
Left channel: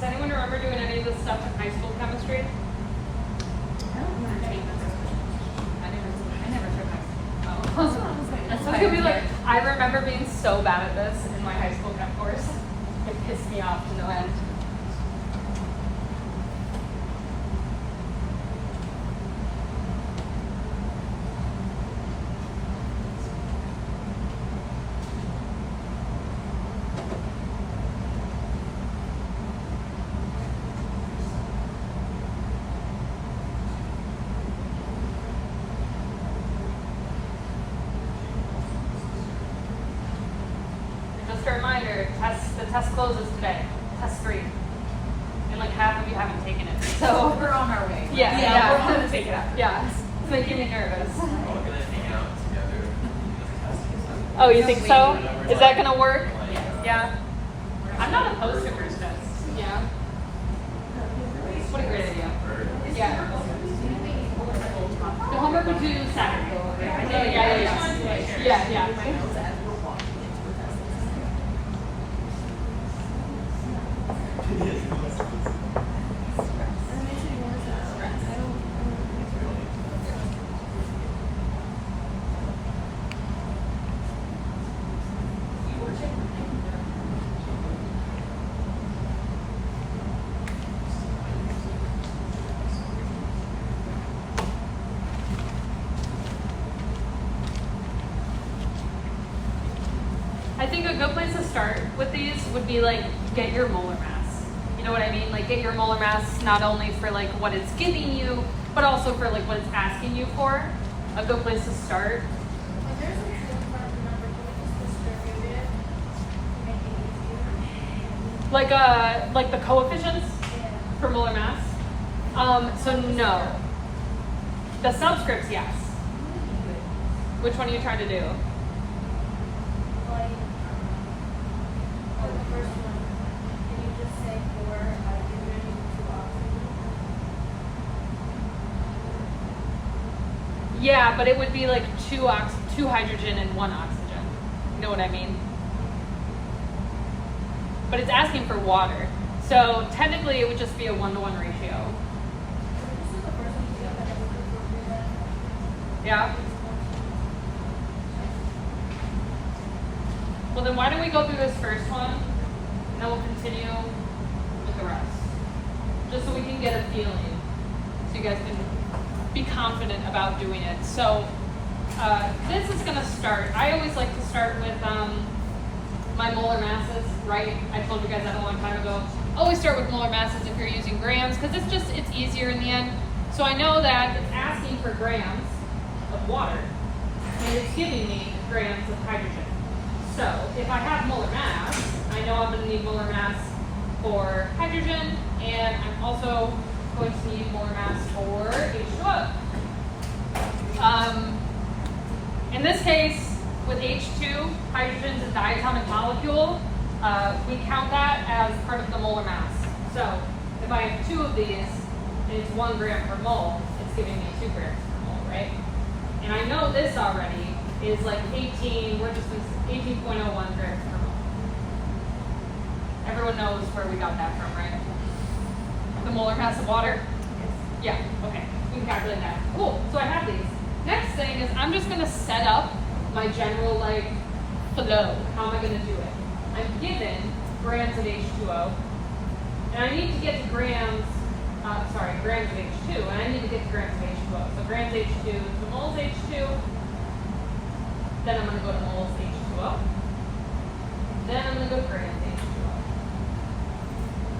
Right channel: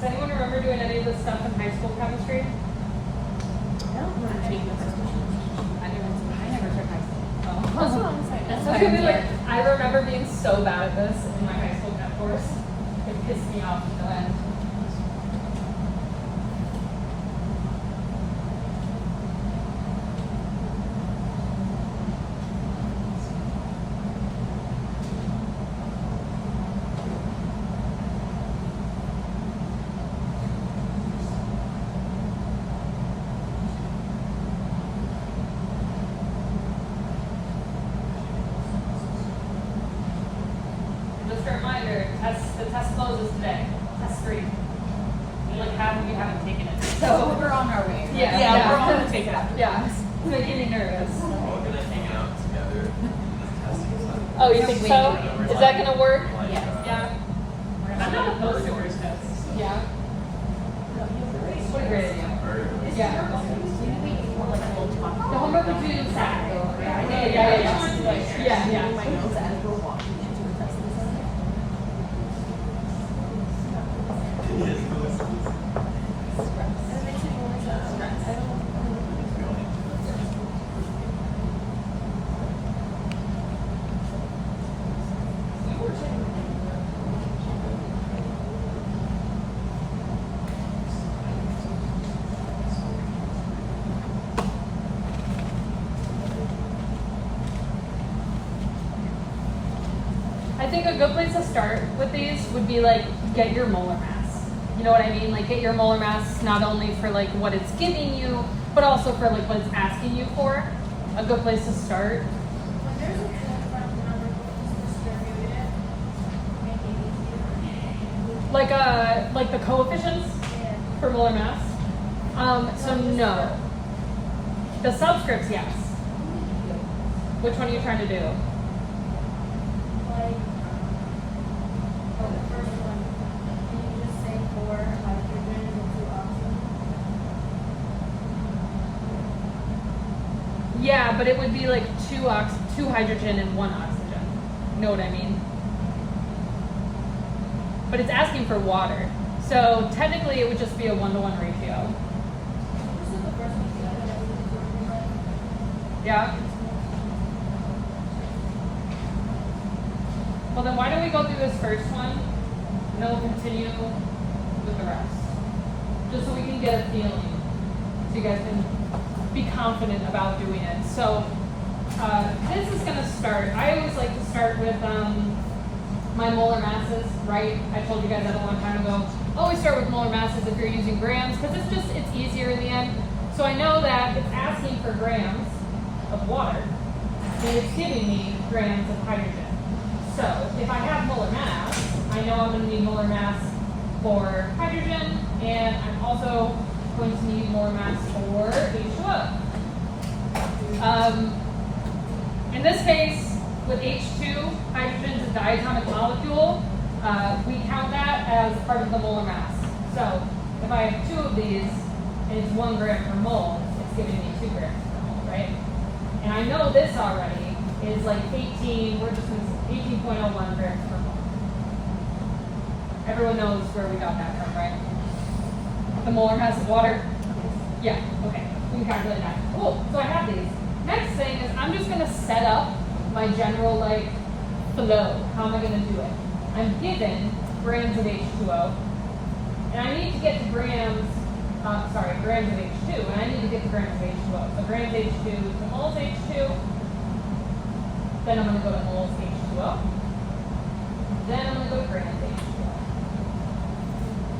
Does anyone remember doing any of the stuff in high school chemistry? That's what I'm saying. So I could be like, I remember being so bad at this in my high school chem course. It pissed me off to no end. Just a reminder, the test closes today. Test 3. And like half of you haven't taken it. So We're on our way. yeah, we're on the take it out. Yeah, it's making me nervous. We're gonna hang out together in the testing center. Oh, you think so? Is that gonna work? Like, Yeah. I'm not opposed to group tests. Yeah. What a great idea. very good. Yeah. The homework would do Saturday. Yeah. I think a good place to start with these would be like get your molar mass. You know what I mean? Like get your molar mass not only for like what it's giving you, but also for like what it's asking you for. A good place to start. Like the coefficients for molar mass. So no. The subscripts, yes. Which one are you trying to do? Yeah, but it would be like two hydrogen and 1 oxygen. You know what I mean? But it's asking for water. So technically it would just be a 1-to-1 ratio. Yeah? Well then why don't we go through this first one and then we'll continue with the rest. Just so we can get a feeling. So you guys can be confident about doing it. So this is gonna start, I always like to start with my molar masses, right? I told you guys that a long time ago. Always start with molar masses if you're using grams, because it's easier in the end. So I know that it's asking for grams of water, and it's giving me grams of hydrogen. So if I have molar mass, I know I'm gonna need molar mass for hydrogen, and I'm also going to need molar mass for H2O. In this case, with H2, hydrogen is a diatomic molecule. We count that as part of the molar mass. So if I have 2 of these and it's 1 gram per mole, it's giving me 2 grams per mole, right? And I know this already is like 18.01 grams per mole. Everyone knows where we got that from, right? The molar mass of water? Yeah, okay. We can calculate that. Cool. So I have these. Next thing is I'm just going to set up my general like flow. How am I going to do it? I'm given grams of H2O, and I need to get to grams of H2, and I need to get to grams of H2O. So grams H2 to moles H2, then I'm going to go to moles H2O, then I'm going to go to grams H2O.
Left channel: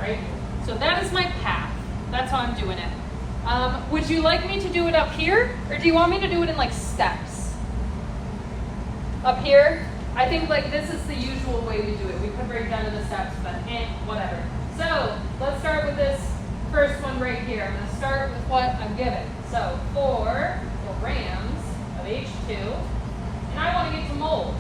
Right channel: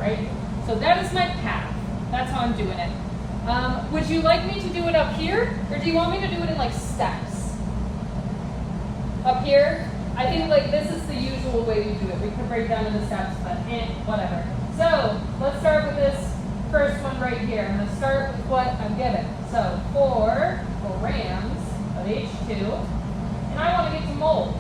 Right? So that is my path. That's how I'm doing it. Would you like me to do it up here, or do you want me to do it in like steps? Up here, I think like this is the usual way we do it. We could break it down into steps, but whatever. So let's start with this first one right here. I'm going to start with what I'm given. So 4 grams of H2, and I want to get to moles.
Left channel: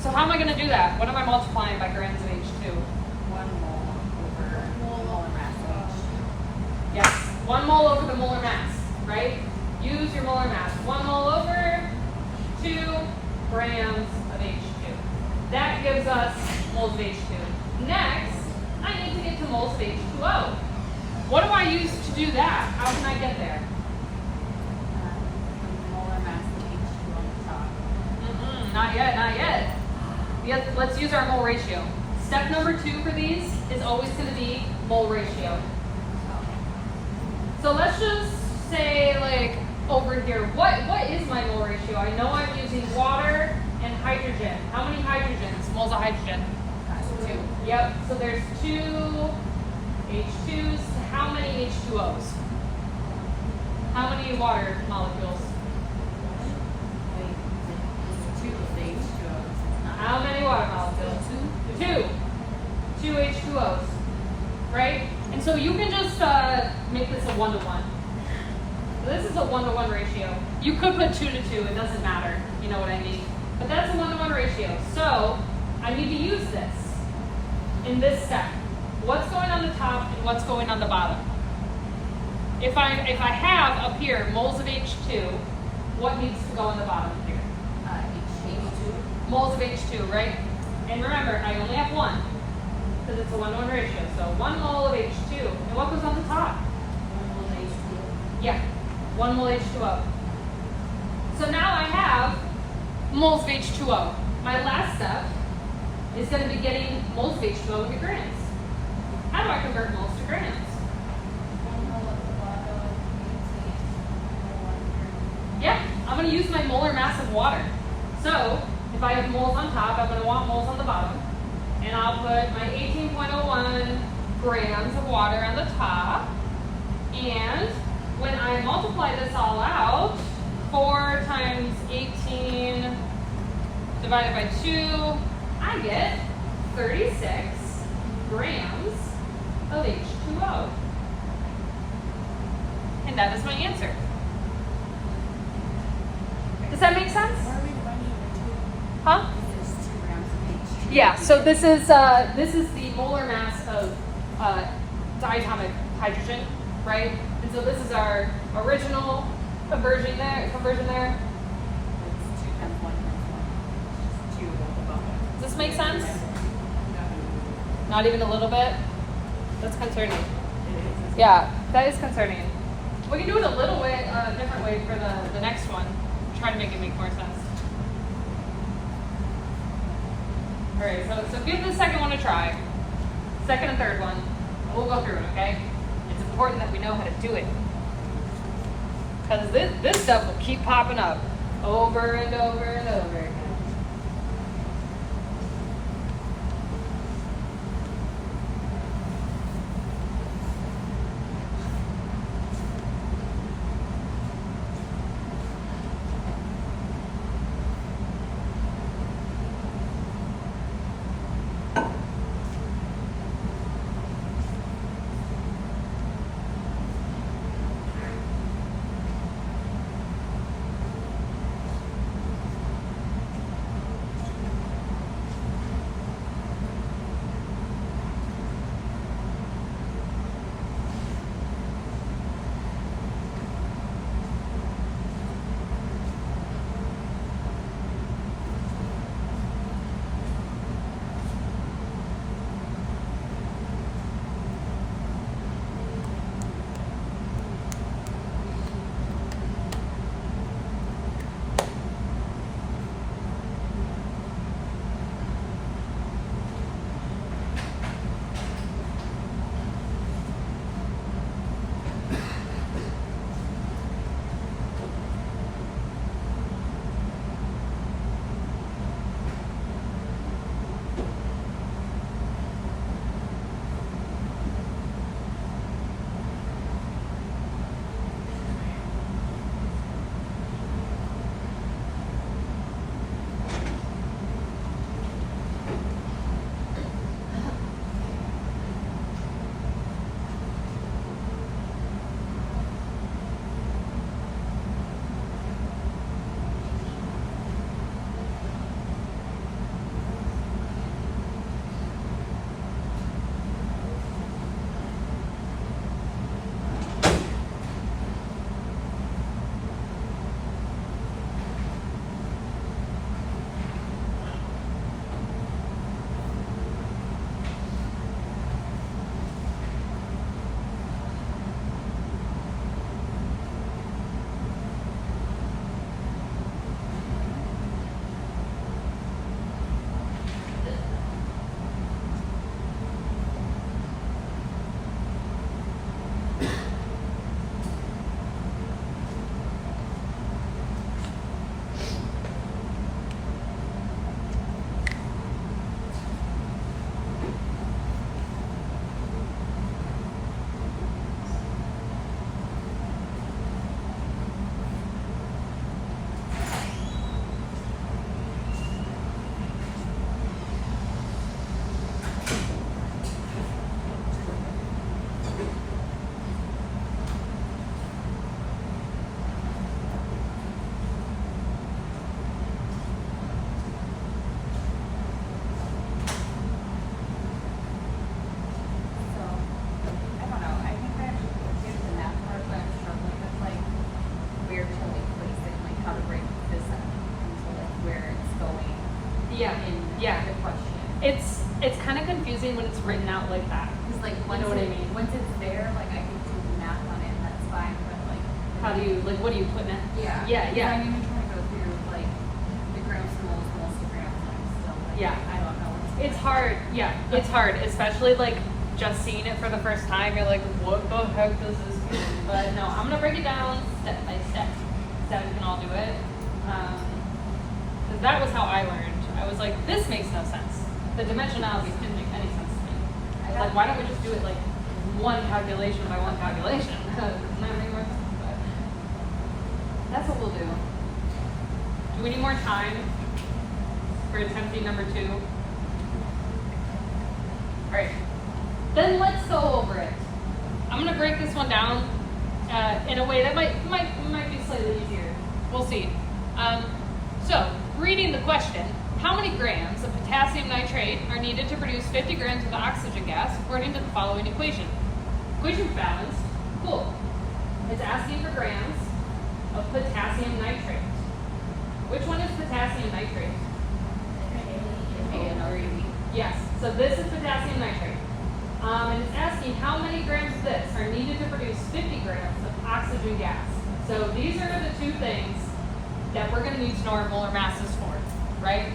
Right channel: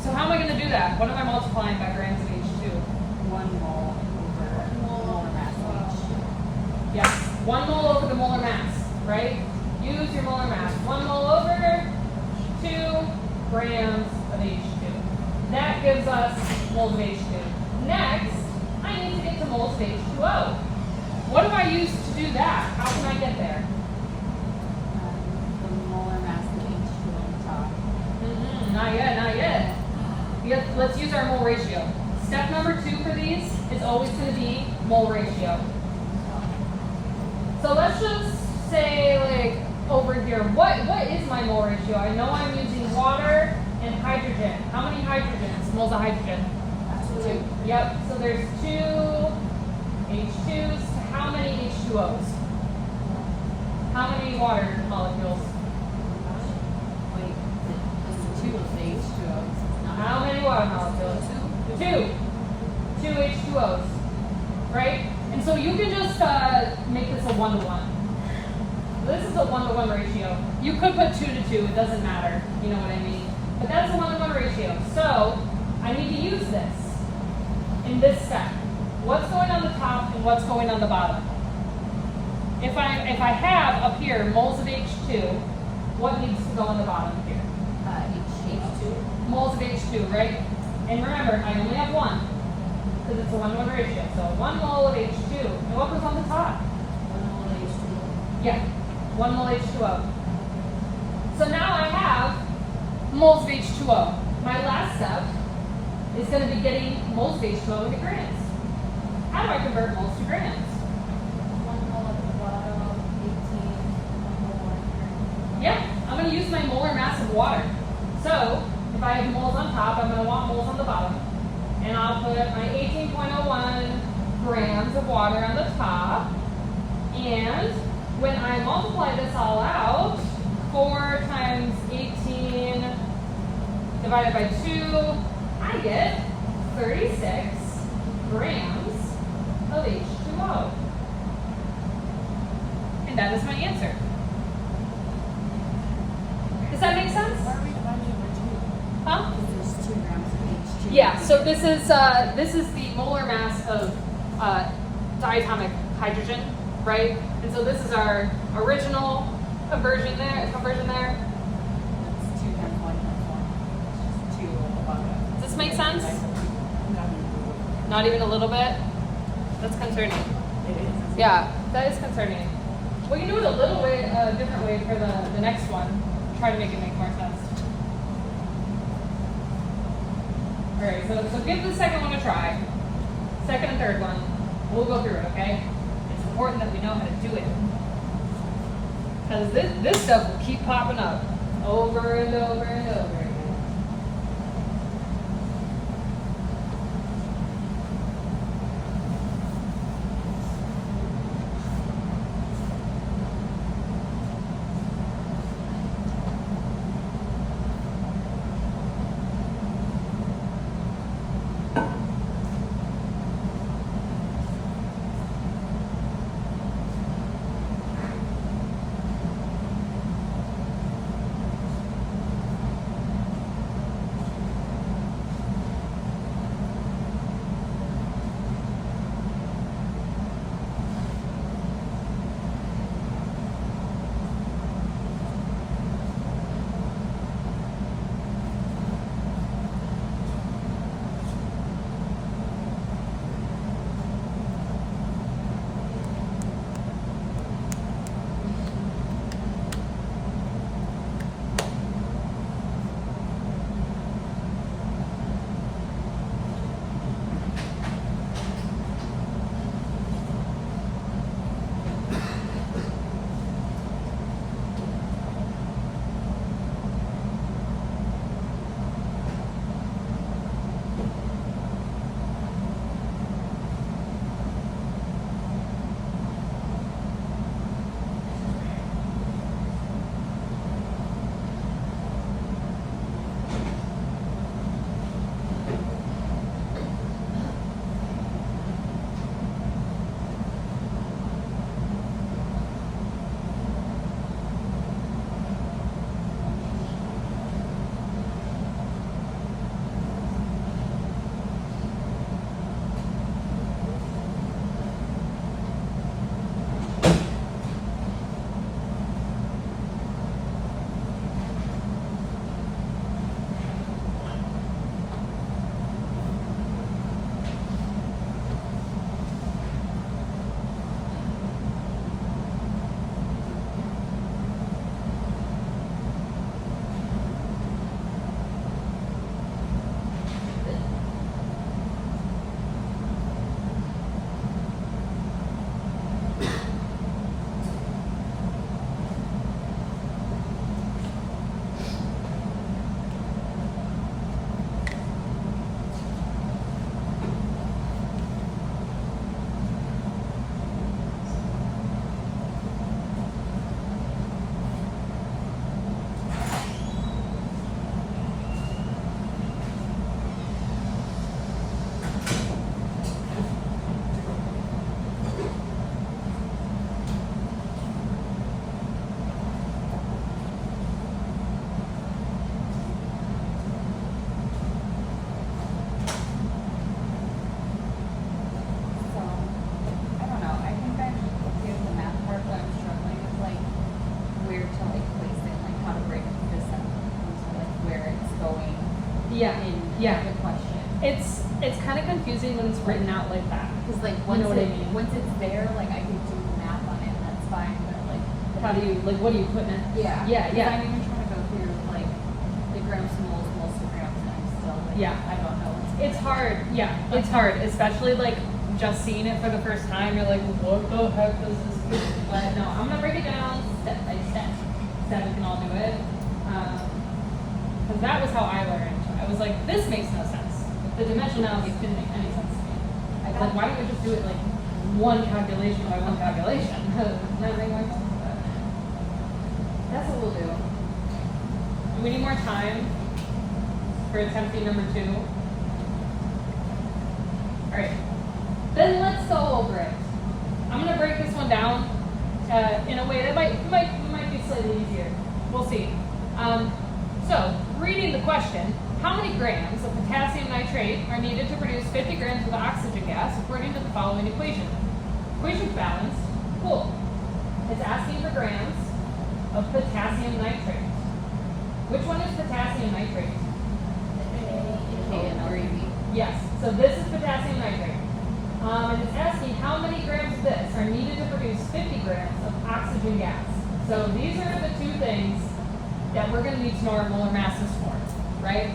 So So how am I going to do that? What am I multiplying by grams of H2? 1 mole over molar mass of H2. Yes, 1 mole over the molar mass, right? Use your molar mass. 1 mole over 2 grams of H2. That gives us moles of H2. Next, I need to get to moles of H2O. What do I use to do that? How can I get there? The molar mass of H2 on the top. Not yet, not yet. Let's use our mole ratio. Step number 2 for these is always going to be mole ratio. So let's just say, like, over here, what is my mole ratio? I know I'm using water and hydrogen. How many hydrogens? Moles of hydrogen? 2. Yep, so there's 2 H2s. How many H2Os? How many water molecules? Wait, it's 2 of the H2O. How many water molecules? 2. 2 H2Os, right? And so you can just make this a 1-to-1. This is a 1-to-1 ratio. You could put 2 to 2, it doesn't matter, you know what I mean? But that's a 1-to-1 ratio. So I need to use this in this step. What's going on the top and what's going on the bottom? If I have up here moles of H2, what needs to go on the bottom here? H2. Moles of H2, right? And remember, I only have 1, because it's a 1-to-1 ratio. So 1 mole of H2. And what goes on the top? 1 mole H2O. Yeah, 1 mole H2O. So now I have moles of H2O. My last step is going to be getting moles of H2O into grams. How do I convert moles to grams? 1 mole at the bottom, 18. Yeah, I'm going to use my molar mass of water. So if I have moles on top, I'm going to want moles on the bottom. And I'll put my 18.01 grams of water on the top. And when I multiply this all out, 4 times 18 divided by 2, I get 36 grams of H2O. And that is my answer. Does that make sense? Why are we finding the 2? Huh? There's 2 grams of H2. Yeah, so this is the molar mass of diatomic hydrogen, right? And so this is our original conversion there. It's 2 times 1 times 1. It's just 2 at the bottom. Does this make sense? Not even a little bit? That's concerning. Yeah, that is concerning. We can do it a little way, different way for the next one. Try to make it make more sense. All right, so give the second one a try. Second and third one. We'll go through it, okay? It's important that we know how to do it. Because this stuff will keep popping up over and over and over again. Yeah. Good question. It's kind of confusing when it's written out like that. Because like You once know what I mean? once it's there, like I can do the math on it and that's fine. But like How do you, like, what do you put in it? yeah. Yeah, yeah. I mean you're trying to go through like the grams, moles, grams, and I'm still like, Yeah. I don't know. It's hard, yeah, it's hard, especially like just seeing it for the first time. You're like, what the heck does this mean? But no, I'm gonna break it down step by step so that we can all do it. Because that was how I learned. I was like, this makes no sense. The dimensionalities didn't make any sense to me. I was like, why don't we just do it like one calculation by one calculation? Doesn't that make more sense? But that's what we'll do. Do we need more time for attempting number 2? Alright, then let's go over it. I'm gonna break this one down in a way that might be slightly easier. We'll see. So, reading the question, how many grams of potassium nitrate are needed to produce 50 grams of oxygen gas according to the following equation? Equation's balanced. Cool. It's asking for grams of potassium nitrate. Which one is potassium nitrate? Yes, so this is potassium nitrate. And it's asking how many grams of this are needed to produce 50 grams of oxygen gas. So these are the two things that we're going to need to know our molar masses for, right?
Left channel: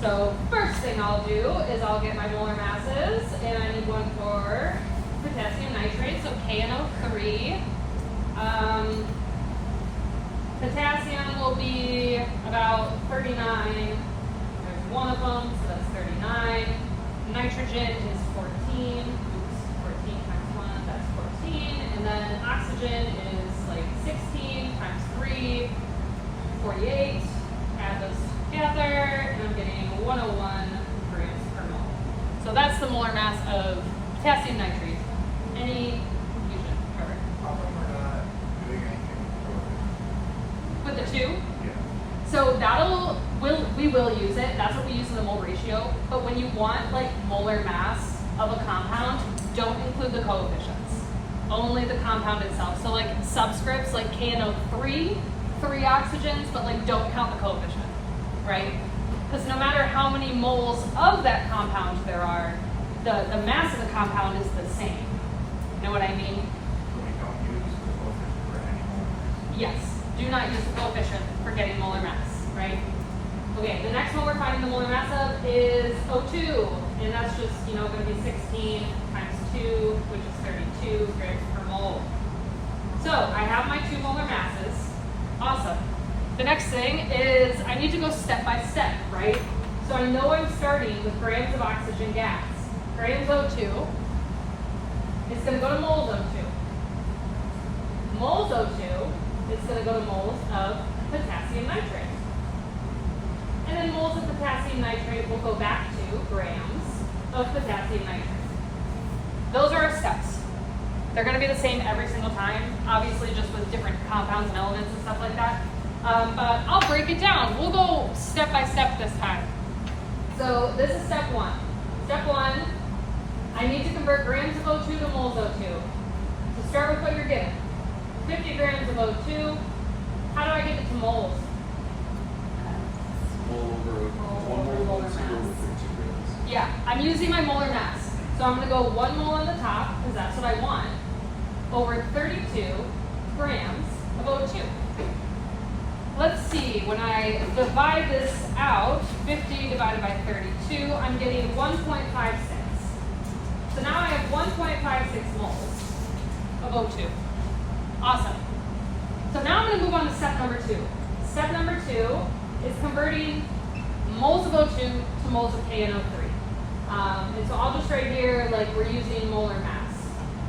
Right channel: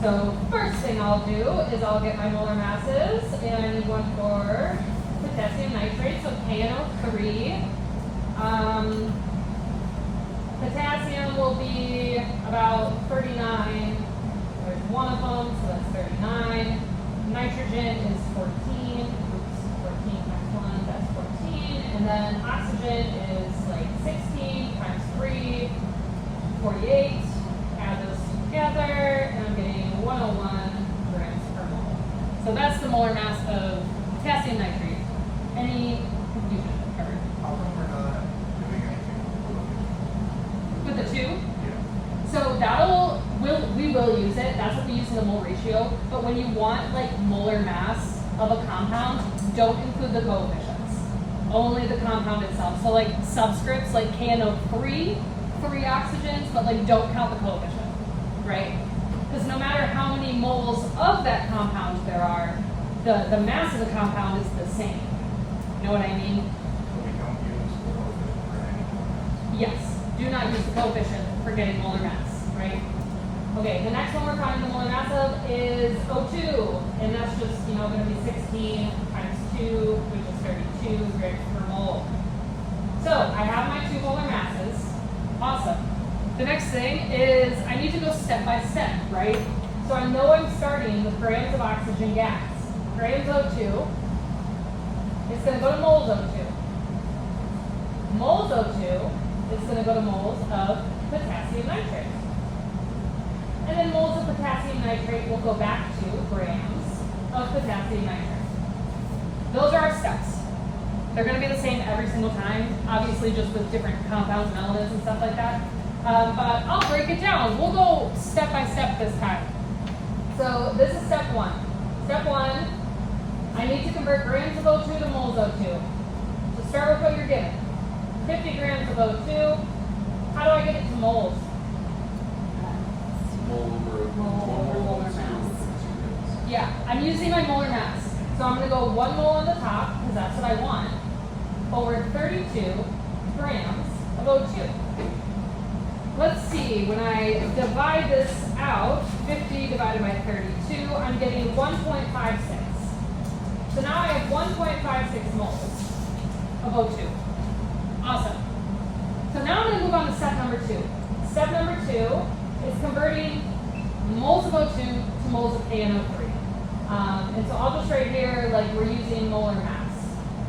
So first thing I'll do is I'll get my molar masses, and I need one for potassium nitrate, so KNO3. Potassium will be about 39. There's one of them, so that's 39. Nitrogen is 14. Oops, 14 times 1, that's 14. And then oxygen is like 16 times 3, 48. Add those together, and I'm getting 101 grams per mole. So that's the molar mass of potassium nitrate. Any confusion covered? With the 2? So we will use it. That's what we use in the mole ratio. But when you want like molar mass of a compound, don't include the coefficients. Only the compound itself. So like subscripts like KNO3, 3 oxygens, but like don't count the coefficient, right? Because no matter how many moles of that compound there are, the mass of the compound is the same. You know what I mean? Yes. Do not use the coefficient for getting molar mass, right? Okay, the next one we're finding the molar mass of is O2, and that's just, going to be 16 times 2, which is 32 grams per mole. So I have my 2 molar masses. Awesome. The next thing is I need to go step by step, right? So I know I'm starting with grams of oxygen gas. Grams O2, it's going to go to moles O2. Moles O2, it's going to go to moles of potassium nitrate. And then moles of potassium nitrate will go back to grams of potassium nitrate. Those are our steps. They're going to be the same every single time, obviously just with different compounds and elements and stuff like that. But I'll break it down. We'll go step by step this time. So this is step 1. Step 1, I need to convert grams of O2 to moles O2. So start with what you're given. 50 grams of O2. How do I get it to moles? Yeah, I'm using my molar mass. So I'm going to go 1 mole on the top, because that's what I want, over 32 grams of O2. Let's see, when I divide this out, 50 divided by 32, I'm getting 1.56. So now I have 1.56 moles of O2. Awesome. So now I'm going to move on to step number 2. Step number 2 is converting moles of O2 to moles of KNO3. And so I'll just write here, like we're using molar mass.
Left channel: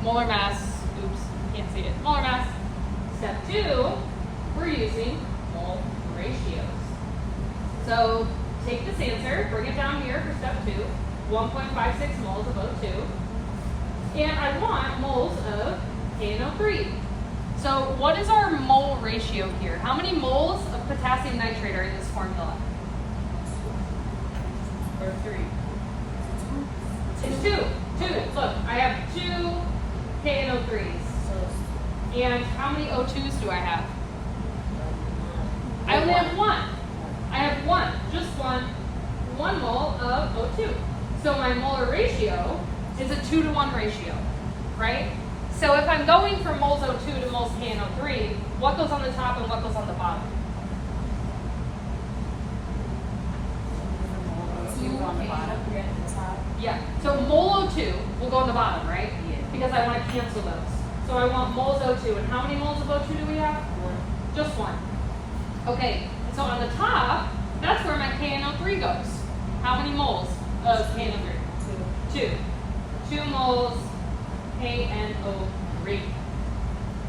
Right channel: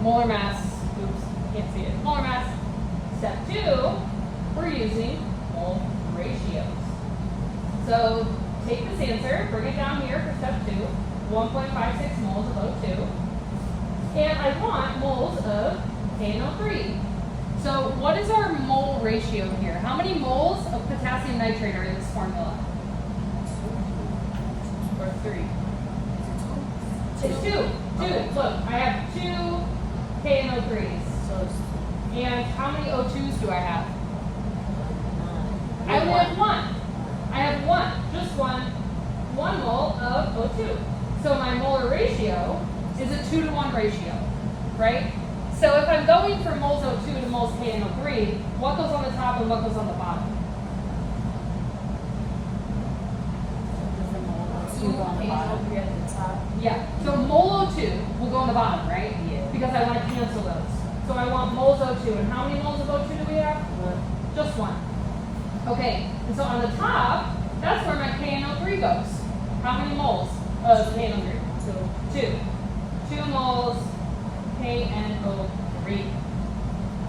Molar mass, oops, can't see it. Molar mass. Step 2, we're using mole ratios. So take this answer, bring it down here for step 2, 1.56 moles of O2. And I want moles of KNO3. So what is our mole ratio here? How many moles of potassium nitrate are in this formula? Or 3? It's 2. Look, I have 2 KNO3s. And how many O2s do I have? I only have 1. I have 1, just 1. 1 mole of O2. So my molar ratio is a 2-to-1 ratio, right? So if I'm going from moles O2 to moles KNO3, what goes on the top and what goes on the bottom? You go on the bottom. Yeah, so mole O2 will go on the bottom, right? Yeah. Because I want to cancel those. So I want moles O2, and how many moles of O2 do we have? Just 1. Okay, and so on the top, that's where my KNO3 goes. How many moles of KNO3? 2. 2 moles KNO3.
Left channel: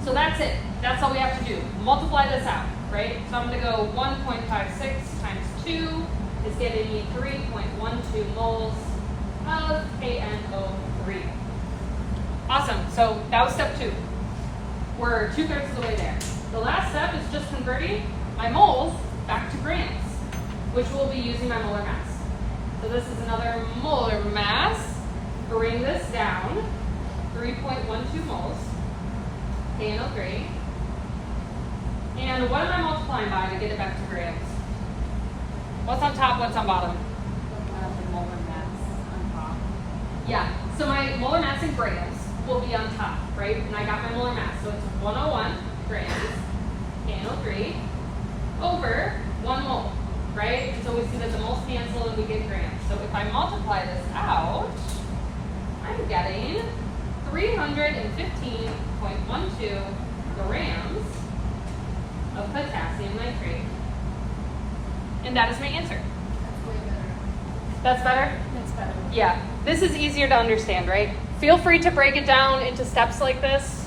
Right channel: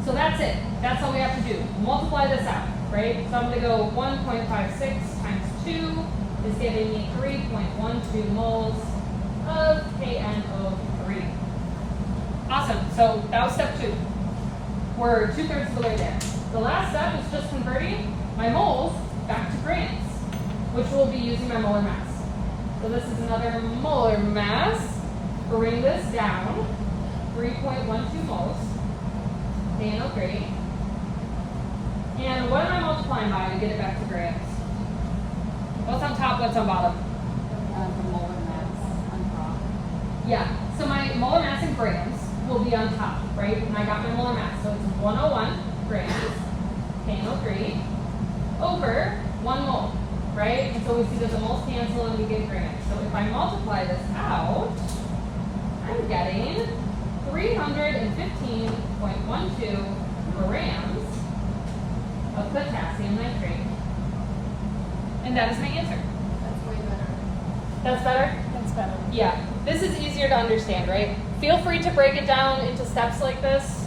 So that's it. That's all we have to do. Multiply this out, right? So I'm going to go 1.56 times 2 is giving me 3.12 moles of KNO3. Awesome. So that was step 2. We're 2/3 of the way there. The last step is just converting my moles back to grams, which will be using my molar mass. So this is another molar mass. Bring this down, 3.12 moles, KNO3. And what am I multiplying by to get it back to grams? What's on top, what's on bottom? The molar mass on top. Yeah, so my molar mass in grams will be on top, right? And I got my molar mass, so it's 101 grams, KNO3, over 1 mole, right? And so we see that the moles cancel and we get grams. So if I multiply this out, I'm getting 315.12 grams of potassium nitrate. And that is my answer. That's better? That's better. Yeah, this is easier to understand, right? Feel free to break it down into steps like this.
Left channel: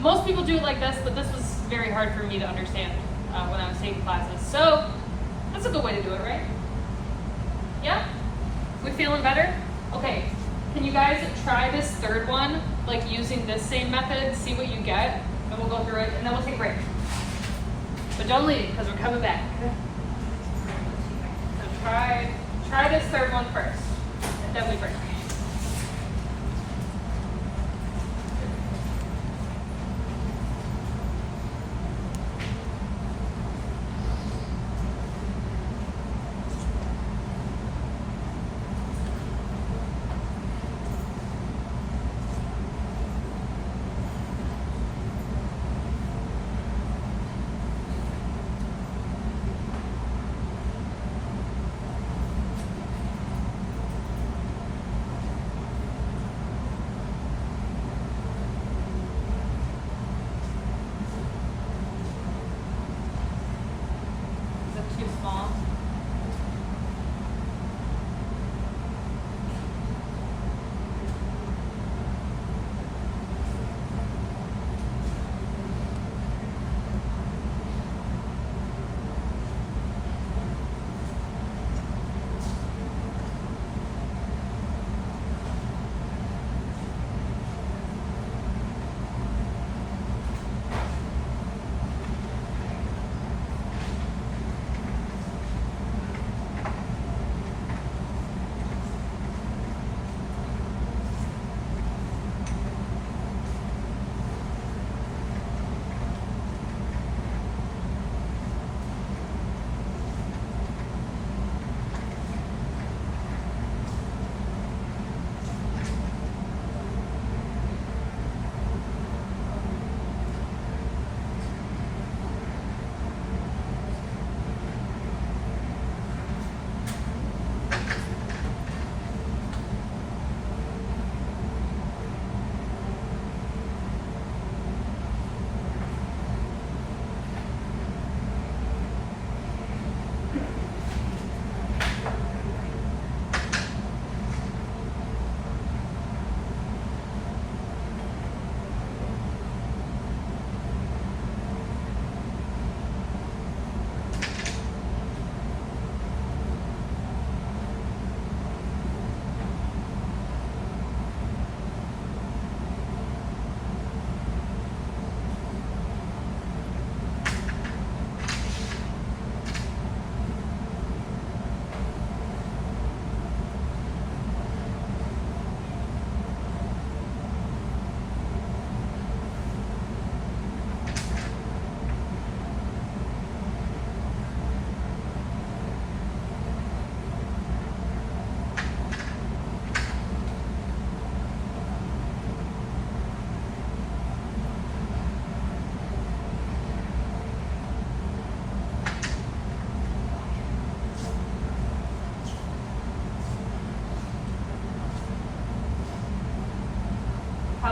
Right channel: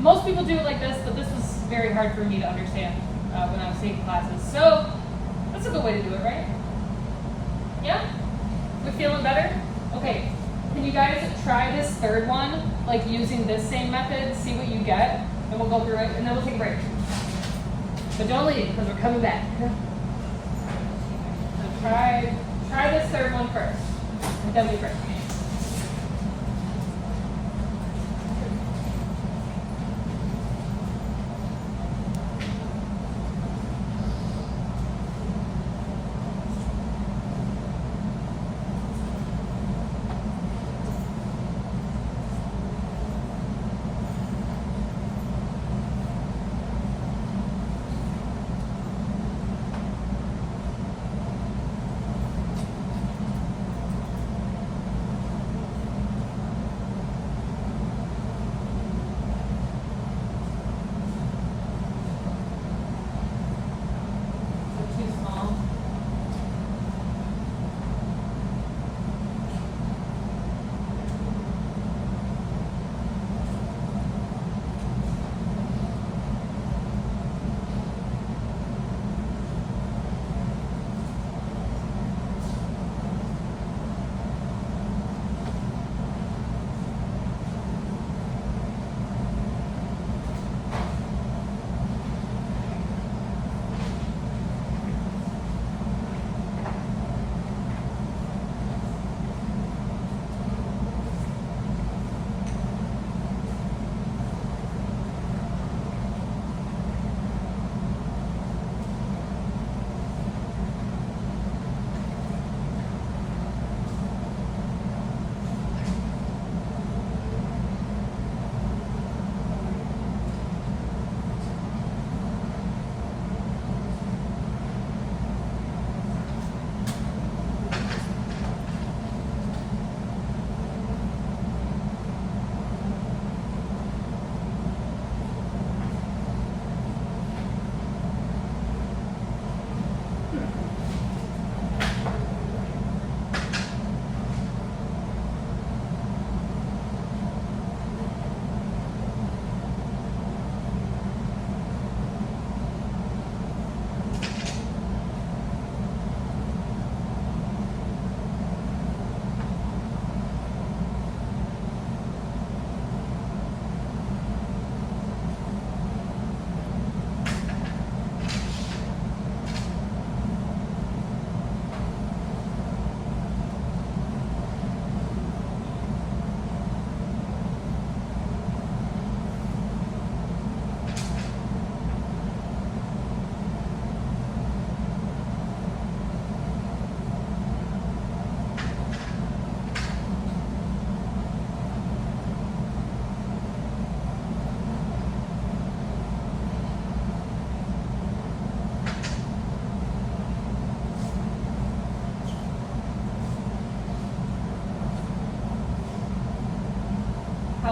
Most people do it like this, but this was very hard for me to understand when I was taking classes. So that's a good way to do it, right? Yeah? We feeling better? Okay. Can you guys try this third one, like using this same method, see what you get, and we'll go through it, and then we'll take a break. But don't leave, because we're coming back. So try this third one first, and then we break.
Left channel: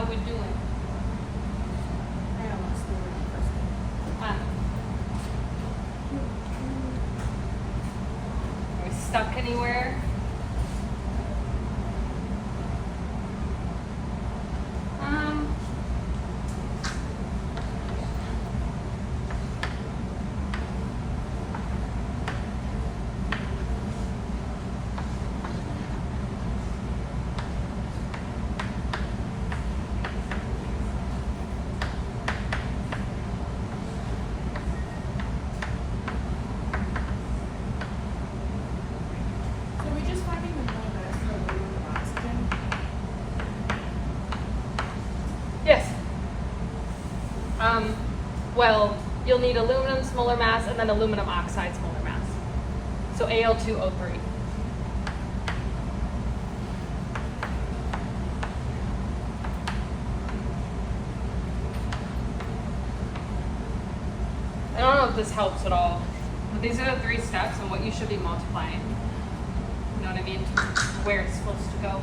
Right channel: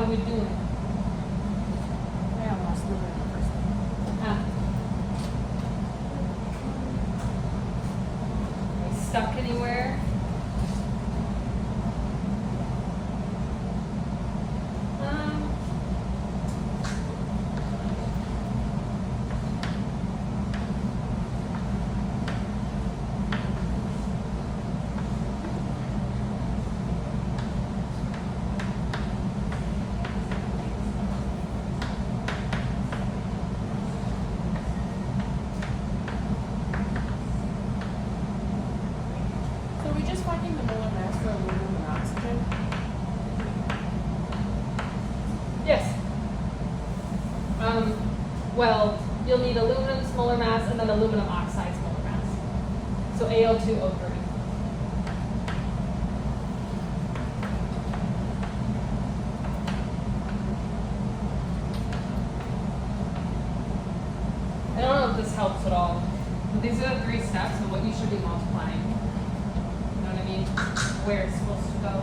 How we doing? I almost knew it the first one. Ah. You stuck anywhere? So we just fucking the molar mass for aluminum and oxygen? Yes. Well, you'll need aluminum's molar mass and then aluminum oxide's molar mass. So Al2O3. I don't know if this helps at all, but these are the 3 steps and what you should be multiplying. You know what I mean? Where it's supposed to go.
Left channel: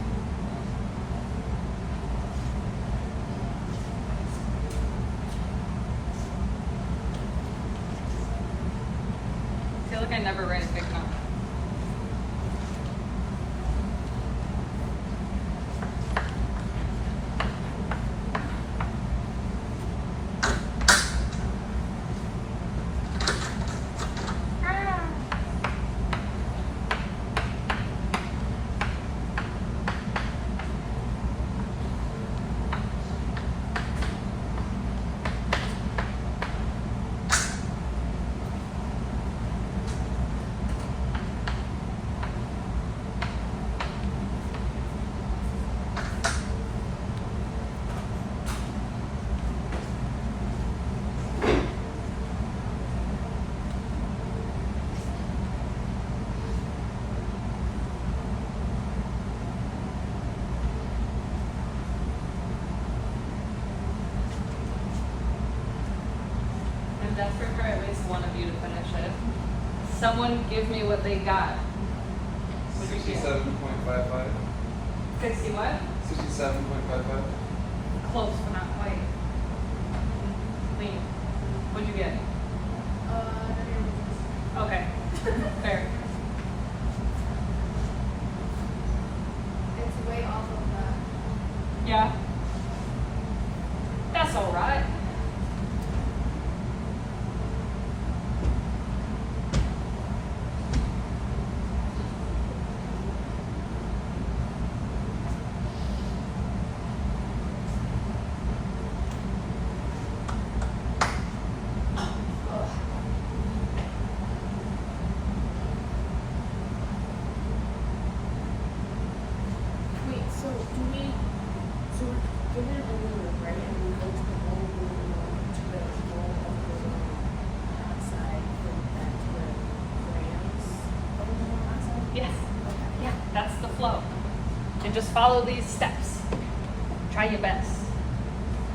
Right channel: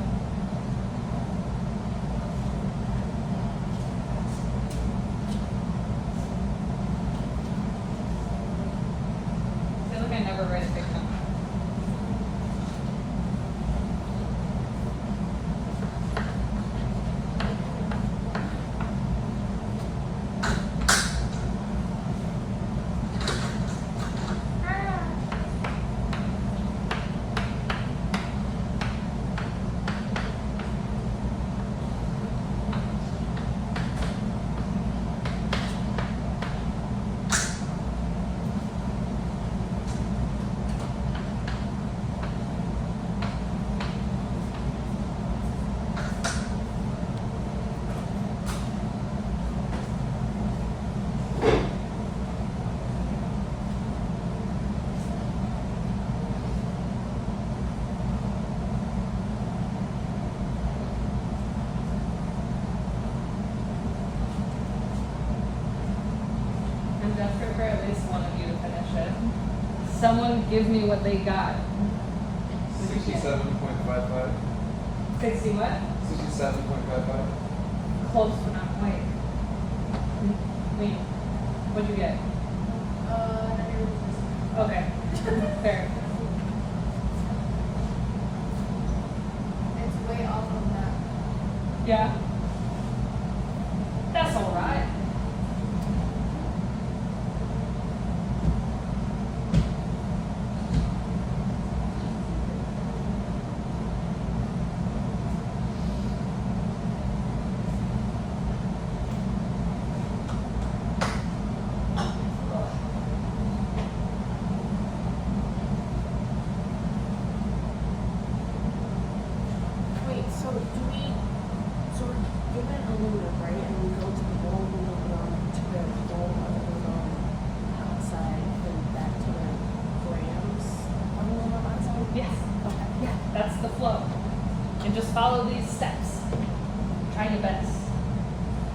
I feel like I never write it big enough. I'm desperate for at least one of you to finish it. Someone give me what they got. What'd you get? 67.55. 60 what? 67.55. Close, but not quite. Lean. What'd you get? Okay. Fair. It's way off of that. Yeah. That's alright. Wait, so do we, so we're given aluminum, right, and we go to the mold aluminum to the mold aluminum oxide, and back to the grams of aluminum oxide? Yes. Okay. Yeah, that's the flow. And just follow these steps. Try your best.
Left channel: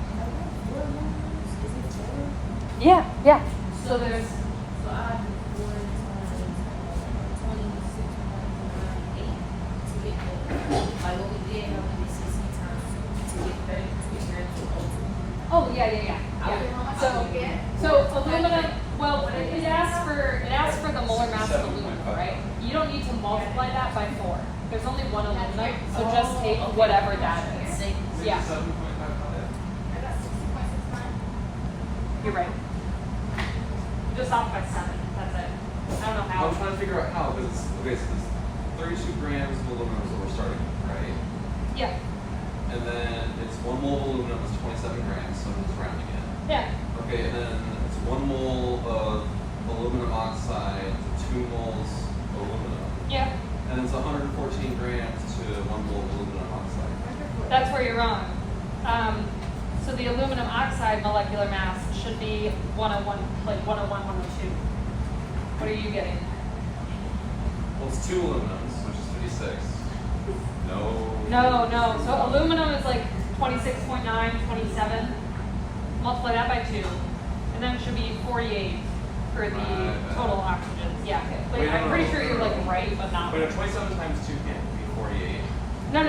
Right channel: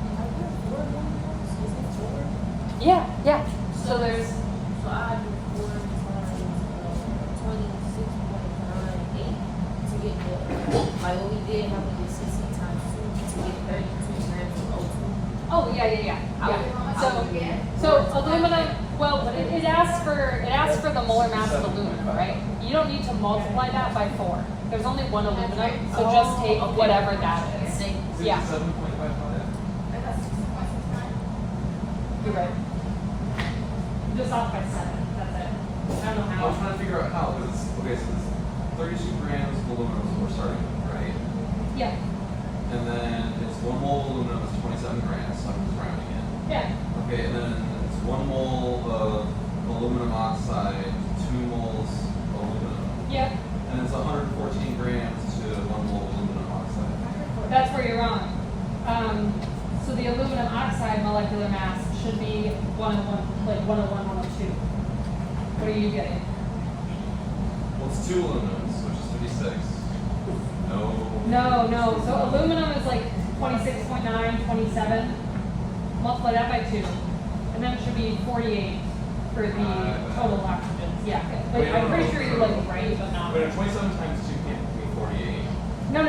Are we at 4 aluminum grams? Is it 4? Yeah, yeah. So there's So I do 4 times 26.98 to get the, like what we did, how we did 60 times 2 to get 32 grams of O2. oh yeah. So aluminum, well it asks for the molar mass of aluminum, right? You don't need to multiply that by 4. There's only one aluminum, so just take whatever that is. Yeah. 67.55. I got 60.69. You're right. You're just off by 7. That's it. I don't know I how. was trying to figure out how, because okay, so it's 32 grams of aluminum is what we're starting with, right? Yeah. And then it's 1 mole of aluminum is 27 grams, so I'm just rounding it. Yeah. Okay, and then it's 1 mole of aluminum oxide, 2 moles aluminum. Yeah. And it's 114 grams to 1 mole of aluminum oxide. That's where you're wrong. So the aluminum oxide molecular mass should be 101, like 101, 102. What are you getting? Well, it's 2 aluminums, which is 56. No. So aluminum is like 26.9, 27. Multiply that by 2. And then it should be 48 for the total oxygen. Yeah. Like, I'm pretty sure you're like right, but not. But a 27 times 2 can't be 48. No.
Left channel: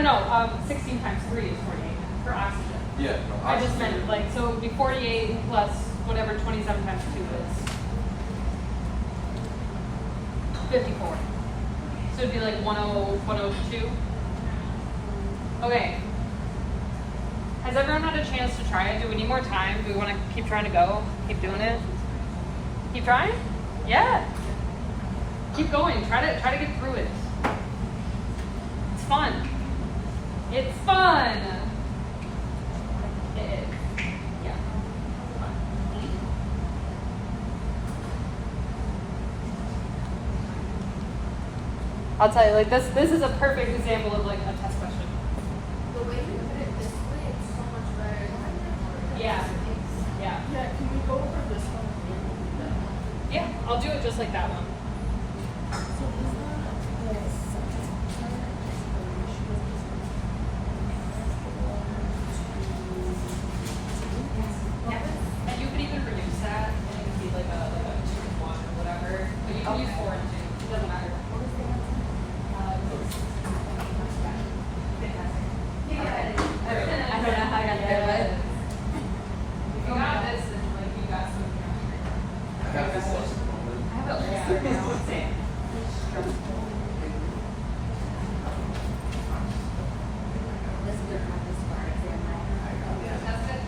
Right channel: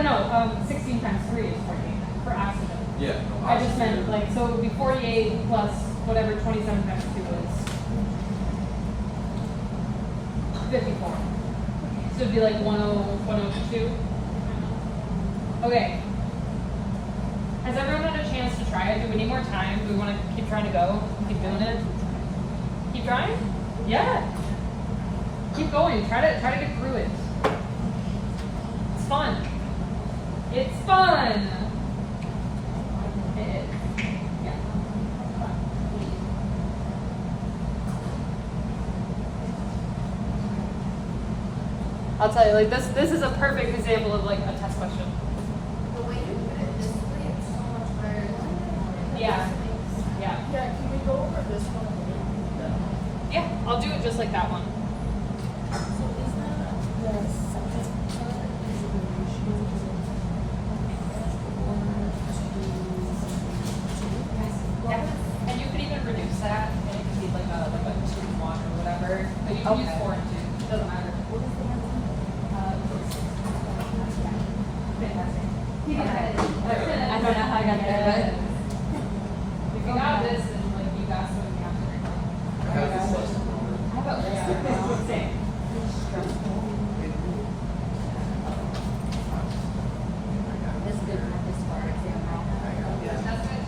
16 times 3 is 48 for oxygen. Yeah. I just meant like, so it would be 48 plus whatever 27 times 2 is. 54. So it'd be like 102. Okay. Has everyone had a chance to try it? Do we need more time? Do we want to keep trying to go? Keep doing it? Keep trying? Yeah. Keep going. Try to get through it. It's fun. It's fun. It is. Yeah. I'll tell you, like this is a perfect example of like a test question. The way you put it this way, it's so much better than Yeah. Yeah. Yeah, can we go over this one? Yeah. I'll do it just like that one. So is that the second part is the ratio of 1 to 2? Yeah. And you could even reduce that, and it could be like a 2 to 1 or whatever. But you can use Okay. 4 and 2. It doesn't matter. What was the answer? I don't know how I got there, but if you got this, then like you got something after. I have this lesson. I have a list. Same. That's good practice for it. That's good.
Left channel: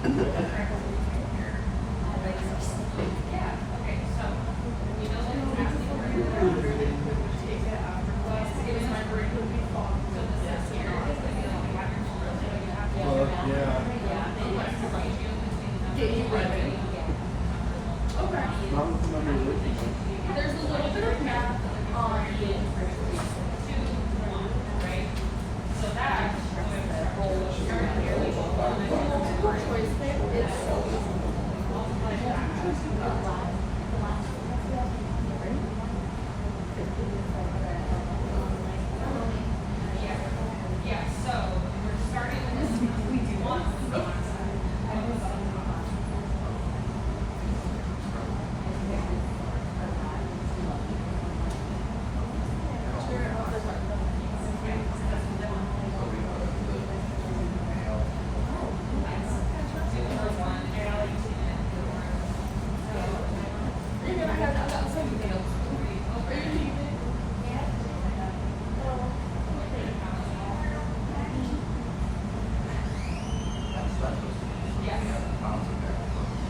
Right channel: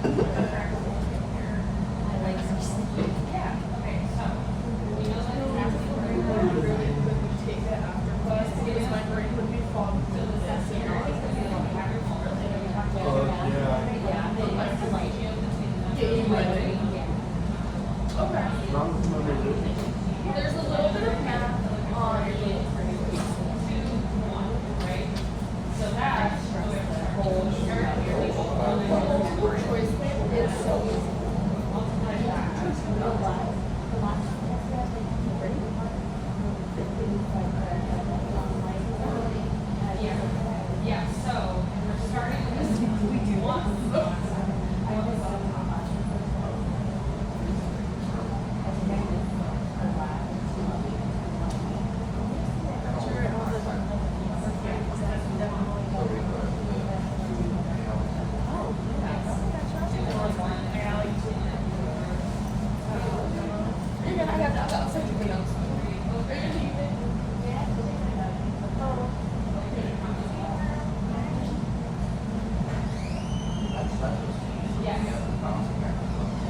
Yeah. Okay. So we know that it has to There's a little bit of math on multiple choice paper. It's so easy. Yeah, so we're starting with this one.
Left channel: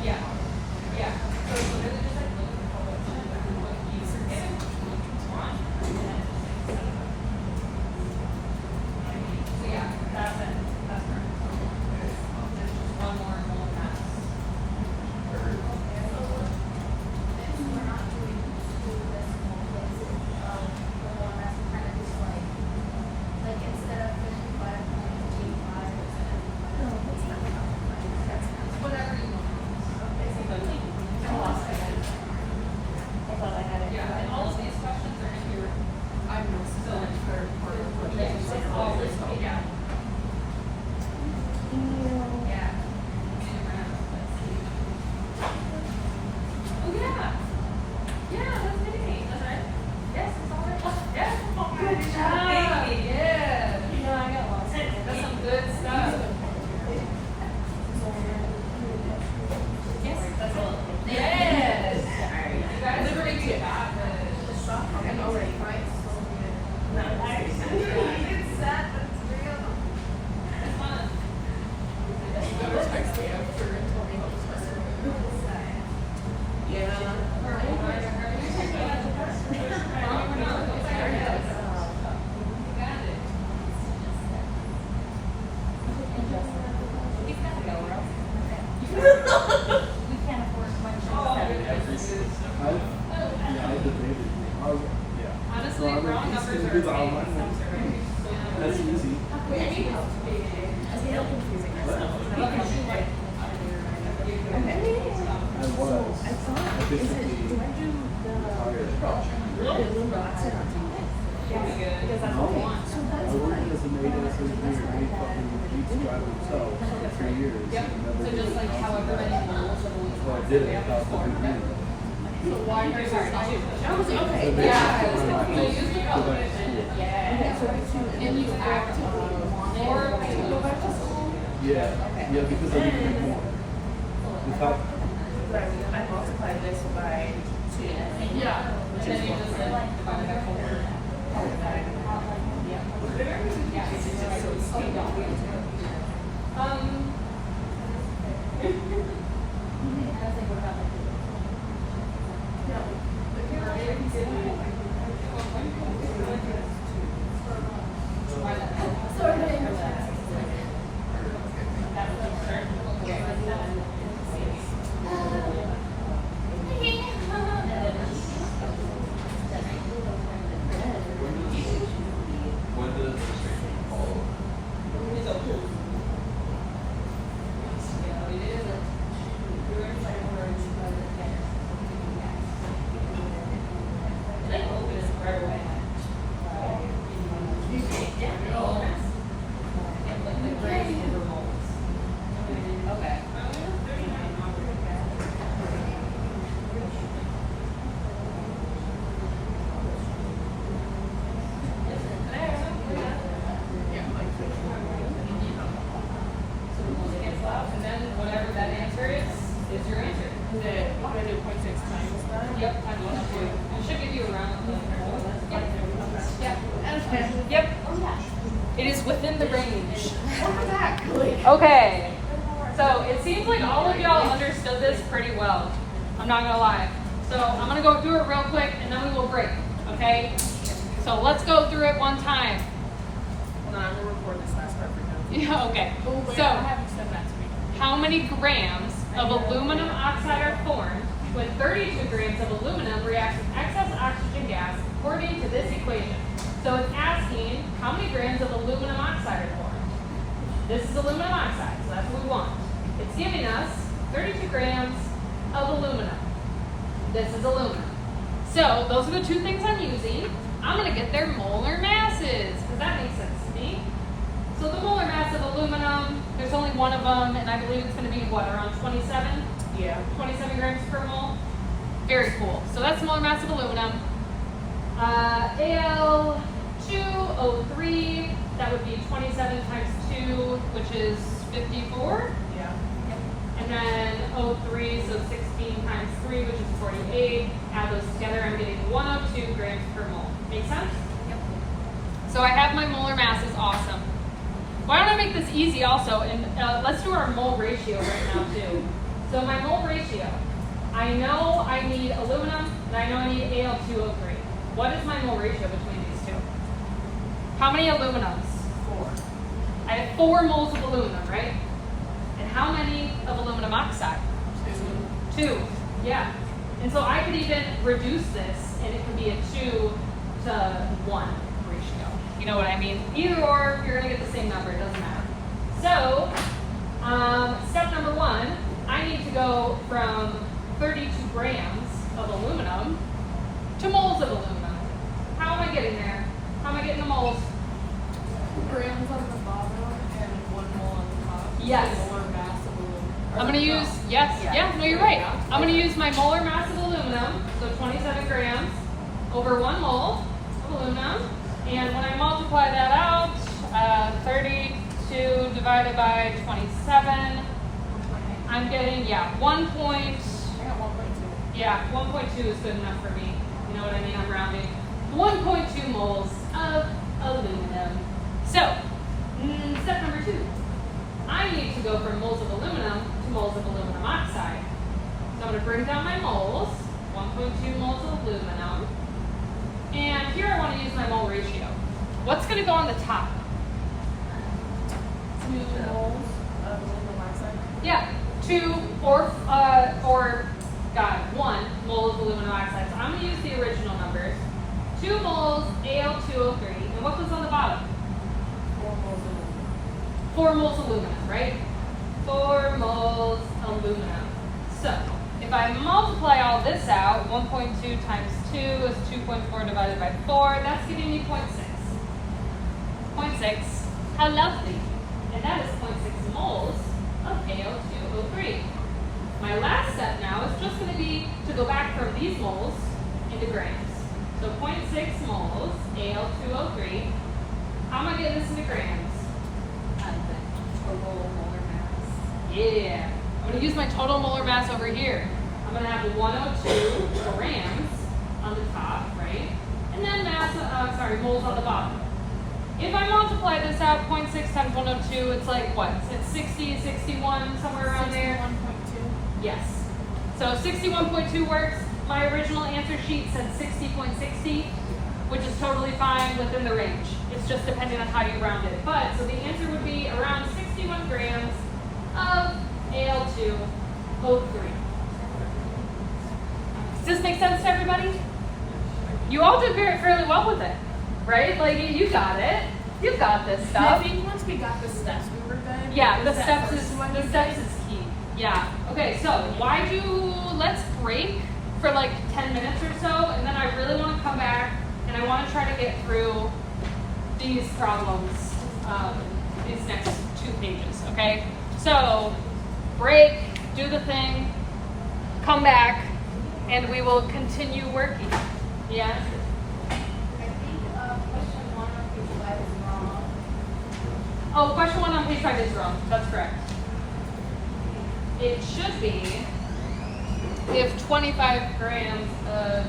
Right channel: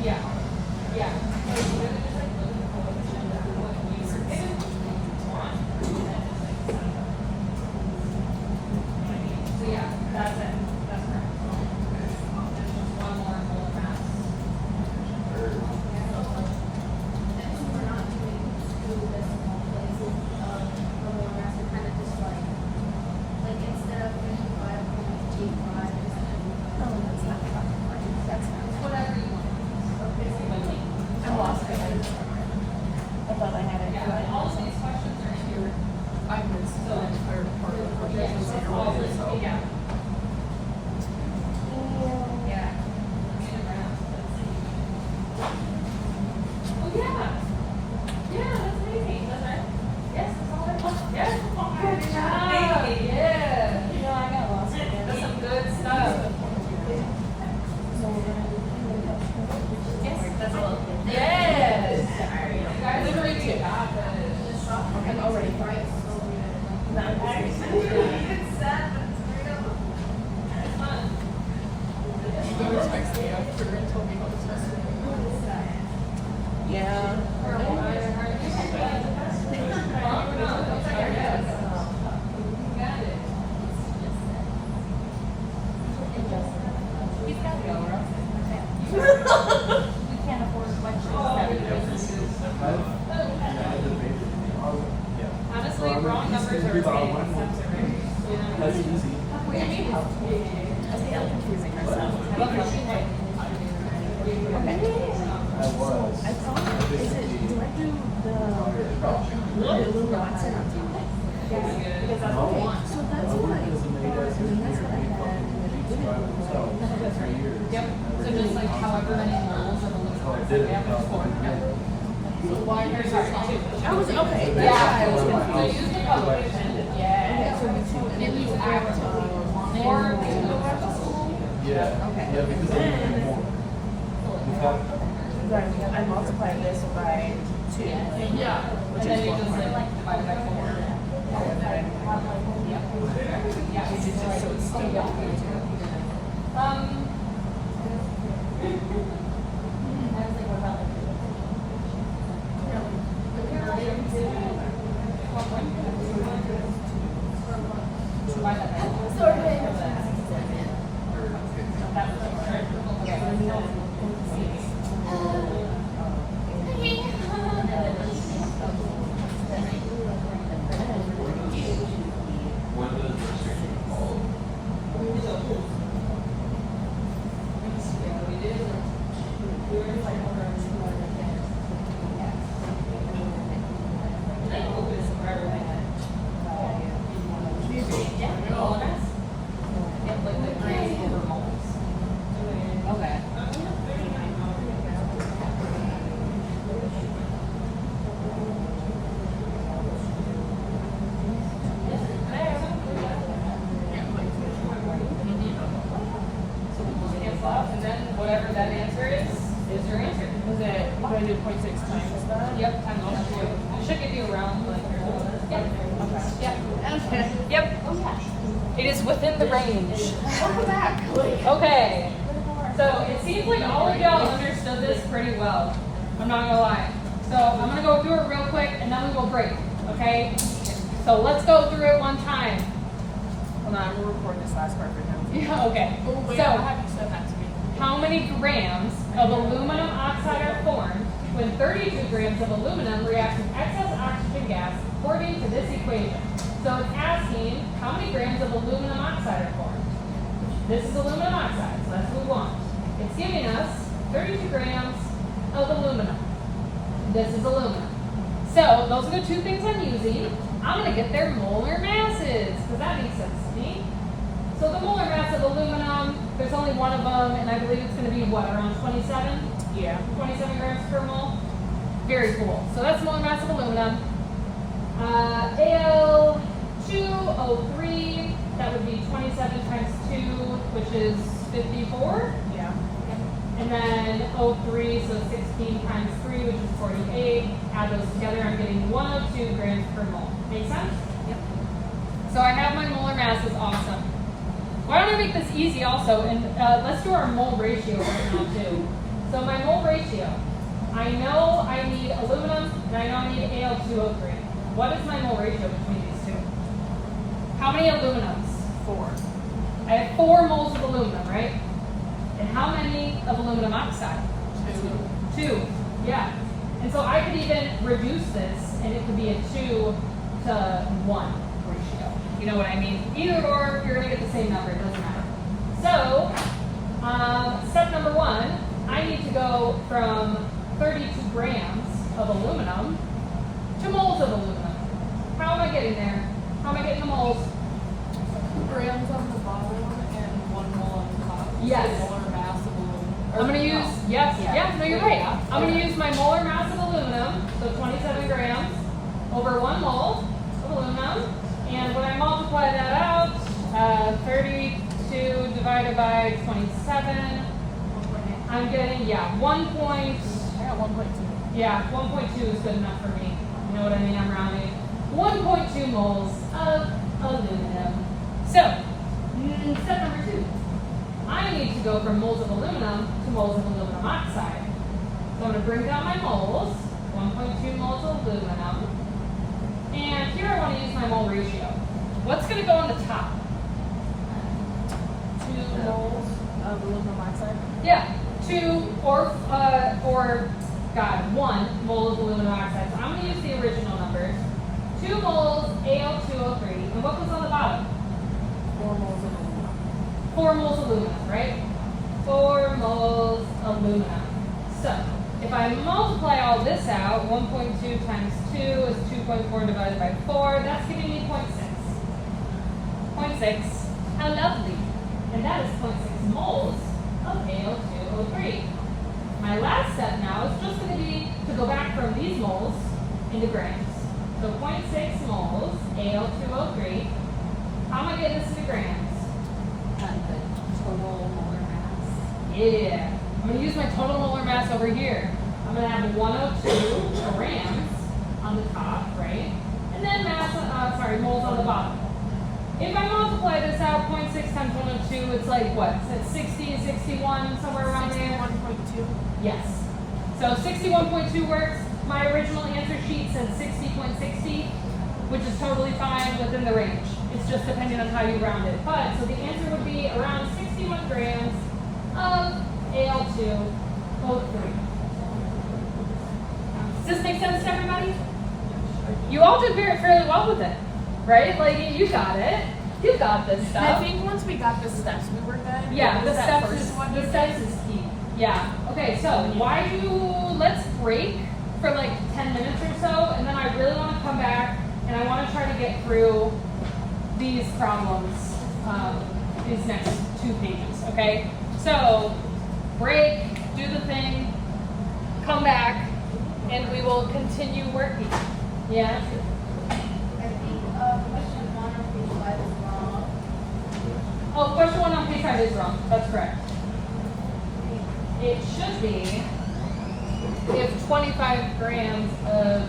Yeah. Yeah. So yeah, that's it. That's correct. There's just one more molar mass. Whatever you want. I lost it. I thought I had it. Yeah, and all of these questions are in your. I missed so much part of the Yeah, project. so all this, yeah. Yeah. In around. Oh yeah. Yeah, that's amazing, isn't it? Yes, it's all right. Yeah. Good job. Yeah. Yeah, I got lost. That's some good stuff. That's a little. Yes. You guys Literally two. I'm already right. It's fun. Yeah. Honestly, wrong numbers are very That's easy. I was. I just simply no. I worked as a maid as engineer, made fucking Jeeps drive themselves for 3 years. Yep. Never So made just like an ounce of however many money. moles of the So I did it without the big man. I was like, okay. They Yeah, have I one in my was house. confused. Go back to school. Yeah. And you actively want Or to go back to school? Yeah. Okay. Yeah, because they need to be more. The top, I multiplied this by 2. Yeah. Which And is then you 1 just point. divide by 4. Which is just so it's still not going to. When did it Okay. And then whatever that answer is your answer. Is it, I'm going to do 0.6 times that? Yep, I'm going to do it. It should give you around. Yep. Okay. Yep. It is within the range. Exactly. Okay. So it seems like all of y'all understood this pretty well. I'm not gonna lie. So I'm gonna go do it real quick and then we will break. Okay? So let's go through it one time. Hold on, I'm going to record this last part for you. Yeah, okay. Oh, wait, So I have you send that to me. how many grams of aluminum oxide are formed when 32 grams of aluminum react with excess oxygen gas according to this equation? So it's asking how many grams of aluminum oxide are formed. This is aluminum oxide, so that's what we want. It's giving us 32 grams of aluminum. This is aluminum. So those are the two things I'm using. I'm going to get their molar masses, because that makes sense to me. So the molar mass of aluminum, there's only one of them, and I believe it's going to be, what, around 27? Yeah. 27 grams per mole? Very cool. So that's the molar mass of aluminum. Al2O3, that would be 27 times 2, which is 54. Yeah. And then O3, so 16 times 3, which is 48. Add those together, I'm getting 102 grams per mole. Make sense? Yep. So I have my molar mass, is awesome. Why don't I make this easy also, and let's do our mole ratio right now too. So my mole ratio, I know I need aluminum, and I know I need Al2O3. What is my mole ratio between these two? How many aluminums? 4. I have 4 moles of aluminum, right? And how many of aluminum oxide? 2. Yeah. And so I could even reduce this, and it could be a 2 to 1 ratio. You know what I mean? Either or, you're going to get the same number. It doesn't matter. So, step number 1, I need to go from 32 grams of aluminum to moles of aluminum. How am I getting there? How am I getting the moles? Grams on the bottom and 1 mole on the top. Yes. So molar mass of aluminum. I'm going to use, yes, yeah, no, you're right. I'm going to use my molar mass of aluminum, so 27 grams, over 1 mole of aluminum. And when I multiply that out, 32 divided by 27, I'm getting, yeah, 1 point, I got 1.2. yeah, 1.2 is good enough for me. You know what I mean? I'm rounding. 1.2 moles of aluminum. So, step number 2. I need to go from moles of aluminum to moles of aluminum oxide. So I'm going to bring down my moles, 1.2 moles of aluminum. And here I want to use my mole ratio. What's going to go on the top? 2 moles of aluminum oxide. Yeah, 2 or 1 mole of aluminum oxide. So I'm going to use the original numbers. 2 moles Al2O3. And what goes on the bottom? 4 moles of aluminum. 4 moles aluminum, right? 4 moles aluminum. So, if I multiply all this out, 1.2 times 2 is 2.4 divided by 4. That's giving me 0.6. 0.6. How lovely. And that is 0.6 moles of Al2O3. My last step now is just going to be to go back from these moles into grams. So 0.6 moles Al2O3. How am I getting this into grams? 20 total molar mass. Yeah. I'm going to use my total molar mass over here. I'm going to have 102 grams on the top, right? And then moles on the bottom. If I multiply this out, 0.6 times 102, it's like what? It's 60, 61, somewhere around there? 61.2. Yes. So 61.2 works. My original answer sheet said 60.60, which is totally fine within the range. It's just depending on how you round it. But, so the answer would be around 61 grams of Al2O3. Does this make sense to everybody? You all did fairly well with it, right? Like, you got it. You got this And I stuff. think once we got the steps, we were good. Yeah, It the was that steps first is one the we steps did. is key. Yeah. Okay, so let's break for like 10 minutes or so, and then I really want to come back and I want to try to get through these problems, these next 2 pages. Okay. So break, do the thing, come back, and we will continue working. Yeah. I think question 1 on page 5 is wrong. Oh, question 1 on page 5 is wrong. That's correct. It should be if 25 grams of